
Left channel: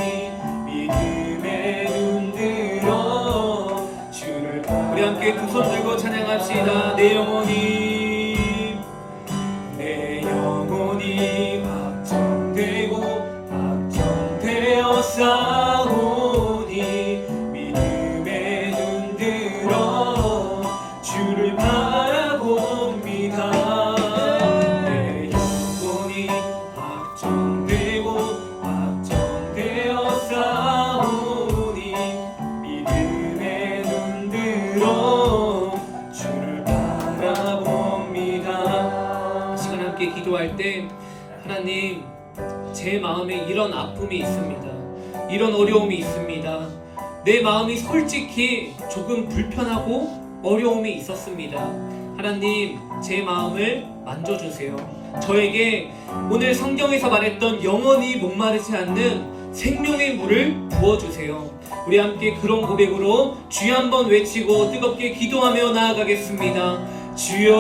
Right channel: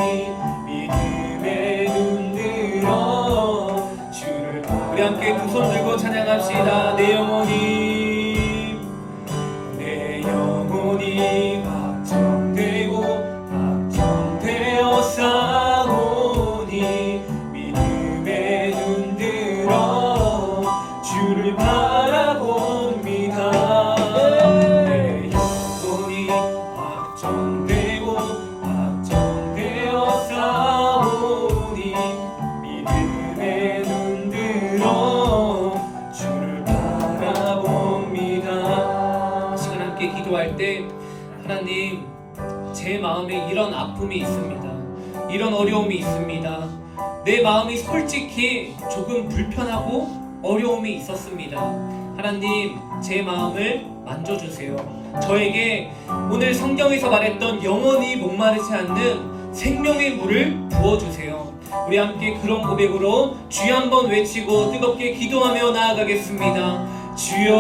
믿음에 눈들어 주를 바라봅니다. 우리 함께 두 손 들고 찬양합시다. 내 영혼이 확정되고 확정되어 싸우니 믿음에 눈들어 주를 바라봅니다. 내 영혼이 확정되고 확정되어 싸우니 믿음에 눈들어 주를 바라봅니다. 함께 기도할 때 하나님 제 마음에 이런 아픔이 있습니다. 이런 어려움이 있습니다. 내 마음이 솔직히 조금 불편하고 어려움이 있었습니다. 하나님 제 마음을 만져주세요. 저에게 오늘 성경에서 말했던 영원히 목마르지 않는 생명의 물을 부어주세요. 우리 함께 그런 고백으로 주여 한번 외치고 뜨겁게 기도하며 나아가겠습니다. 주여.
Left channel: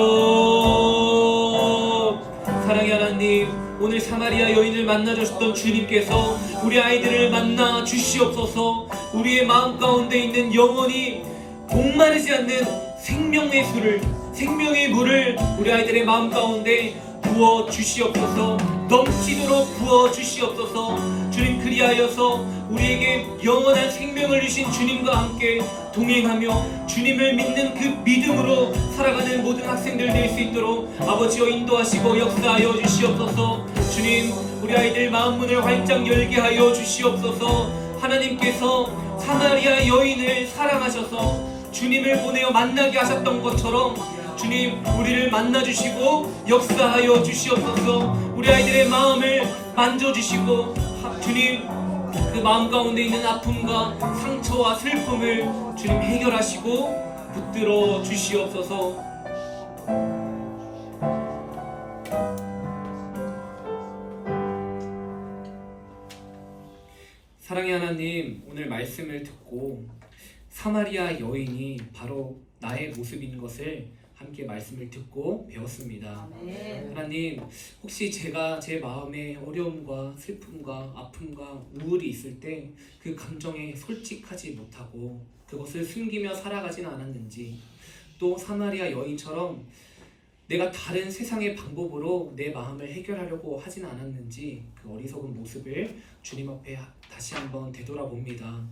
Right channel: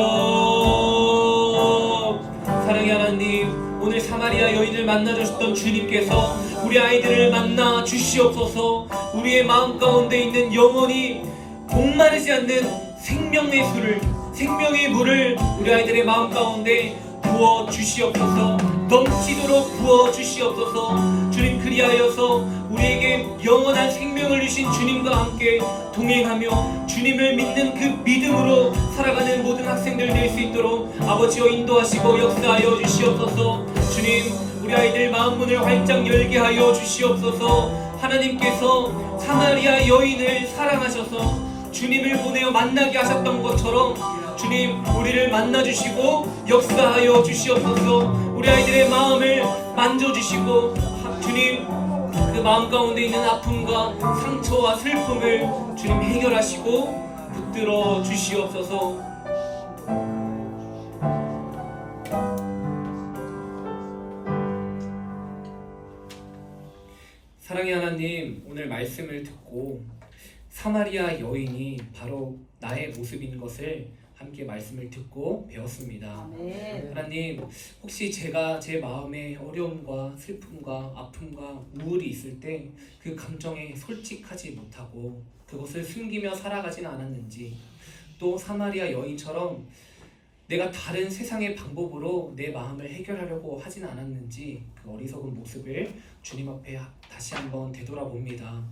사랑의 하나님, 오늘 사마리아 여인을 만나주셨던 주님께서 우리 아이들을 만나 주시옵소서. 우리의 마음 가운데 있는 영원히 목마르지 않는 생명의 술을, 생명의 물을 우리 아이들의 마음 가운데 부어 주시옵소서. 넘치도록 부어 주시옵소서. 주님, 그리하여서 우리에게 영원한 생명을 주신 주님과 함께 동행하며 주님을 믿는 그 믿음으로 살아가는 모든 학생들 될 수 있도록 아버지여 인도하시고 역사하여 주시옵소서. 주님, 우리 아이들 마음 문을 활짝 열게 하여 주시옵소서. 하나님께서 사마리아 여인을 사랑하셔서 주님을 보내어 만나게 하셨던 것처럼 주님, 우리를 만나주시고 역사하여 주시옵소서. 우리 아이들의 마음을 만져주시고 주님, 그 마음 가운데 있는 아픔과 상처와 슬픔을 주님 해결하시고 붙들어 주시옵소서. 사랑의 하나님, 오늘 말씀을 듣고 사마리아 여인이 바로 나의 모습인 것을 함께 말씀을 듣고 배웠습니다. 하나님, 혹시 제가 제 마음에 어려움과 슬픔과 아픔과 우울이 있을 때 그 감정에 솔직하지 못하고 그것을 숨기며 살아가지는 않았는지, 또 사마리아 여인처럼 내가 다른 세상의 방법으로 내 마음을 해결하려고 하지는 않았는지 그 어리석은 모습을 주님 앞에 다시 한번 되돌아봅니다.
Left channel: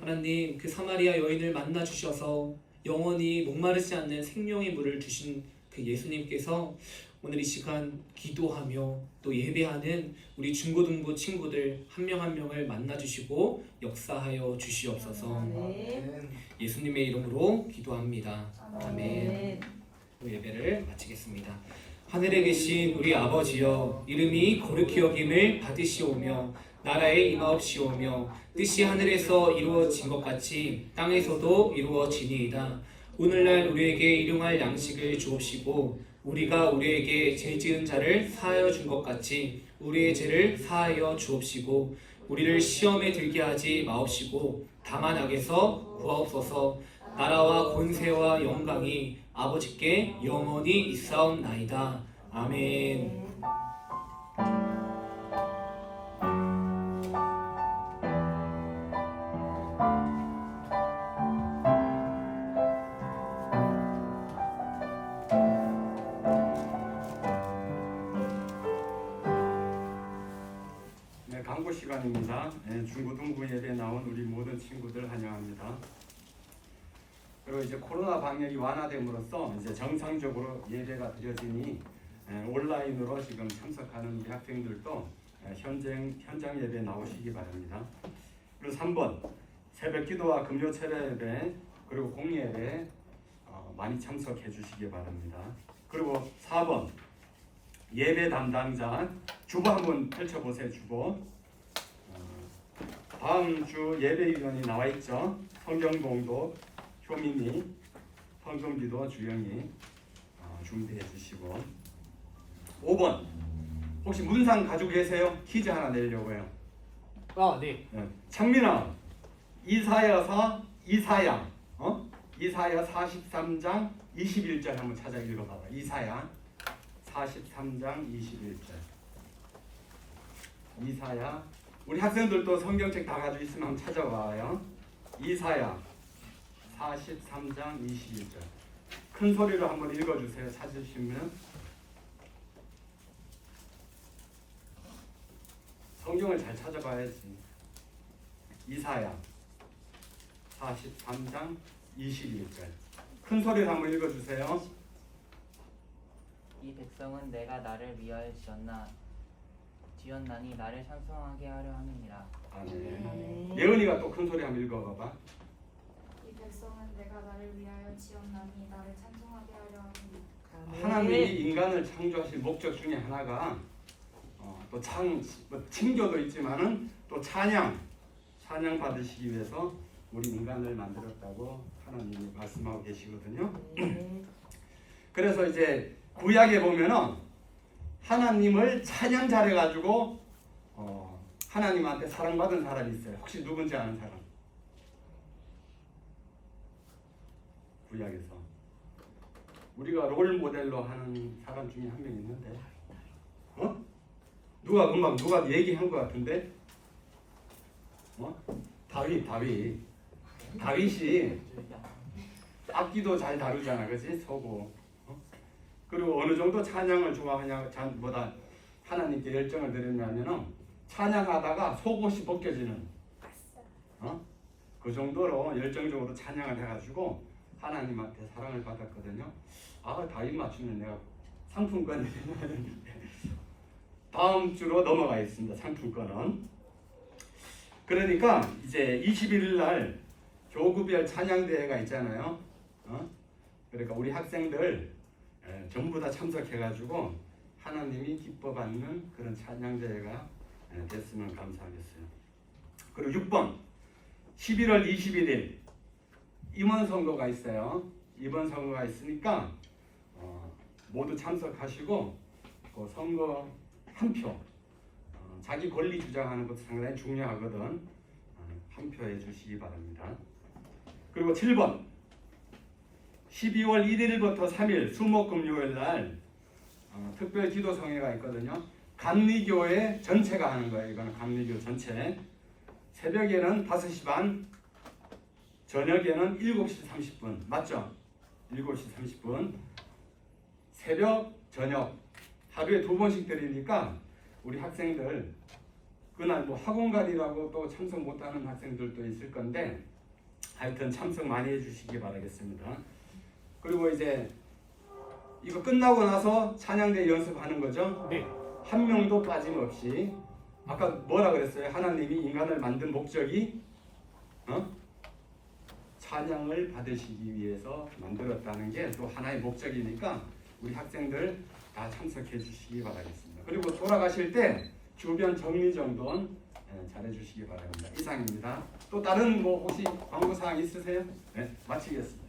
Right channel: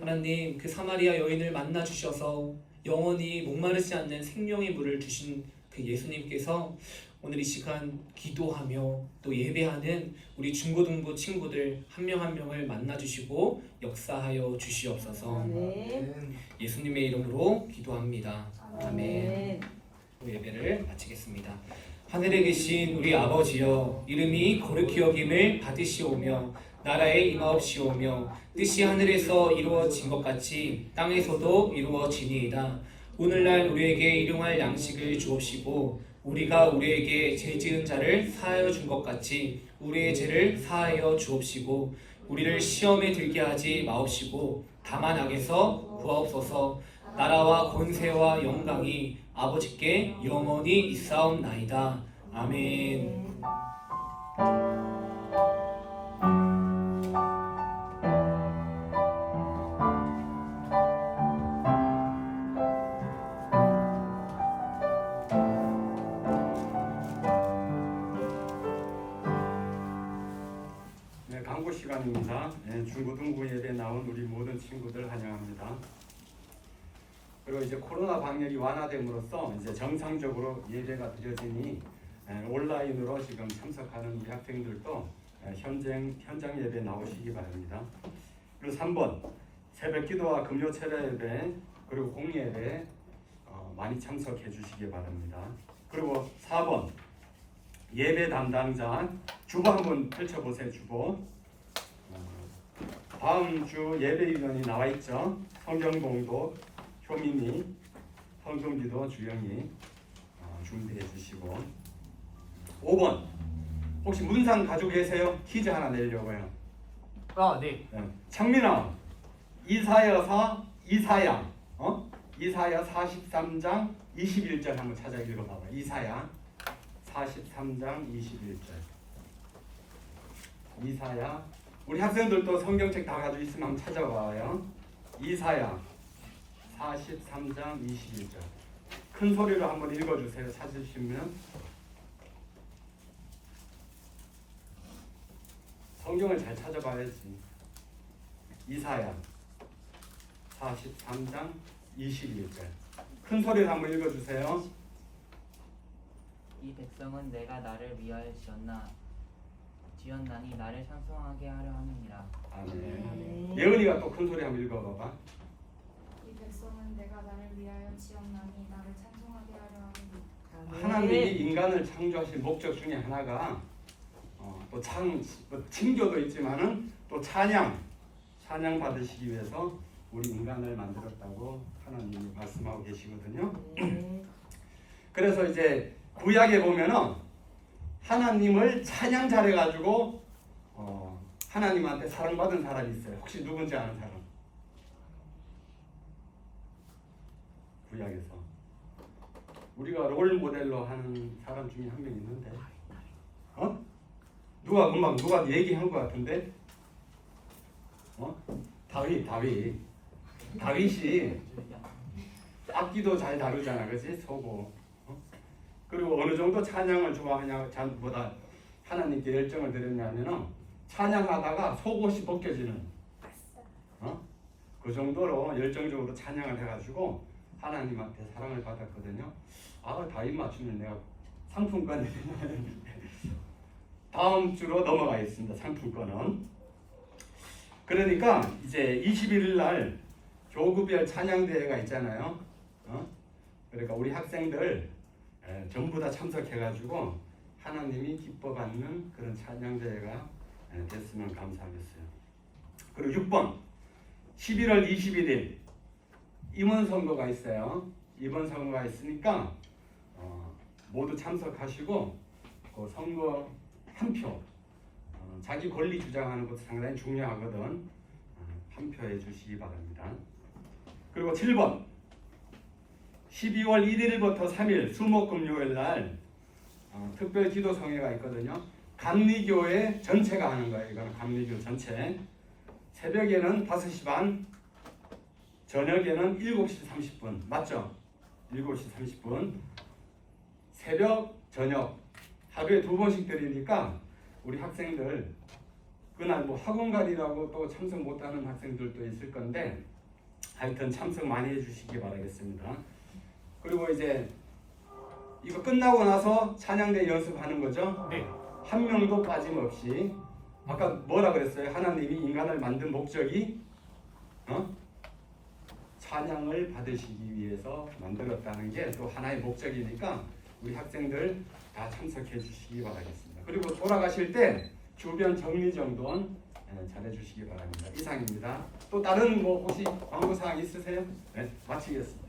하나님, 그 사마리아 여인을 만나 주셔서 영원히 목마르지 않는 생명의 물을 주신 그 예수님께서 오늘 이 시간 기도하며 또 예배하는 우리 중고등부 친구들 한 명 한 명을 만나 주시고 역사하여 주시옵소서. 예수님의 이름으로 기도합니다. 아멘. 예배를 마치겠습니다. 하늘에 계신 우리 아버지여, 이름이 거룩히 여김을 받으시오며 나라에 임하옵시오며 뜻이 하늘에서 이루어진 것 같이 땅에서도 이루어지니이다. 오늘날 우리에게 일용할 양식을 주옵시고 우리가 우리에게 죄 지은 자를 사하여 준 것 같이 우리의 죄를 사하여 주옵시고 우리를 시험에 들게 하지 마옵시고 다만 악에서 구하옵소서. 나라와 권세와 영광이 아버지께 영원히 있사옵나이다. 아멘. 네, 강구 시간입니다. 네, 중고등부 예배 나온 우리 모든 친구들 환영합니다. 그리고 이제 코로나 방역이 완화됨으로써 이제 정상적으로 예배가 드려지니 온라인으로 지금 참석하는 우리 학생들도 현장 예배 나오시기 바랍니다. 그리고 3번 새벽 기도와 금요 철야 예배 그리고 공예배 많이 참석해 주시기 바랍니다. 그리고 4번 예배 담당자 주보 한번 펼쳐보세요. 주보. 다음 주 예배위원이 나와 있죠. 성경봉도 효민이, 헌금기도 주영이 준비해 주시고. 5번 혹시 문상 가지고 계세요? 퀴즈 하나 내려고요. 네. 창민아, 이사야 43장 21절 한번 찾아 읽어봐봐. 이사야 43장 21절. 이사야, 우리 학생들도 성경책 다 가지고 있으면 한번 찾아봐요. 이사야 43장 21절. 큰 소리로 한번 읽어주세요. 찾으시면. 성경을 잘 찾아봐야지. 이사야 43장 21절. 큰 소리로 한번 읽어주세요. 이 백성은 내가 나를 위하여 지었나니 나를 찬송하게 하려 함이니라. 아멘. 예은이가 또 큰 소리 한번 읽어봐봐. 이 백성은 내가 나를 위하여 지었나니 나를 찬송하게 하려 함이니라. 하나님이 인간을 창조하신 목적 중에 하나가 또 칭교도 있지만은 또 찬양 받으시기 위해서 우리 인간을 만들었다고 하나님이 말씀하고 계시거든요. 네. 그래서 이제 구약에 보면은 하나님을 찬양 잘해가지고 하나님한테 사랑받은 사람이 있어요. 혹시 누군지 아는 사람? 구약에서 우리가 롤 모델로 하는 사람 중에 한 명 있는데, 누가 얘기한 것 같은데, 다윗이 악기도 잘 다루잖아, 그렇지? 소고. 그리고 어느 정도 찬양을 좋아하냐보다 하나님께 열정을 드렸냐면은 찬양하다가 속옷이 벗겨지는 그 정도로 열정적으로 찬양을 해가지고 하나님한테 사랑을 받았거든요. 다윗 맞추면 내가 상품권 다음 주로 넘어가겠습니다. 상품권은. 그러니까 이제 21일 날 교구별 찬양대회가 있잖아요. 그러니까 우리 학생들 전부 다 참석해가지고 하나님이 기뻐 받는 그런 찬양대회가 됐으면 감사하겠어요. 그리고 6번 11월 21일 임원 선거가 있어요. 임원 선거가 있으니까 모두 참석하시고 그 선거 한 표, 자기 권리 주장하는 것도 상당히 중요하거든. 한 표 해주시기 바랍니다. 그리고 7번 12월 1일부터 3일 수목금요일 날 특별 기도 성회가 있거든요. 감리교회 전체가 하는 거예요. 이거는 감리교 전체. 새벽에는 5시 반, 저녁에는 7시 30분. 맞죠? 7시 30분. 새벽, 저녁 하루에 2번씩 드리니까 우리 학생들 그날 뭐 학원갈이라고 또 참석 못하는 학생들도 있을 건데 하여튼 참석 많이 해주시기 바라겠습니다. 그리고 이제 이거 끝나고 나서 찬양대 연습하는 거죠? 네. 한 명도 빠짐없이. 아까 뭐라 그랬어요? 하나님이 인간을 만든 목적이 찬양을 받으시기 위해서 만들었다는 게 또 하나의 목적이니까 우리 학생들 다 참석해 주시기 바라겠습니다. 그리고 돌아가실 때 주변 정리정돈 잘해 주시기 바랍니다. 이상입니다. 또 다른 뭐 혹시 광고사항 있으세요? 네, 마치겠습니다.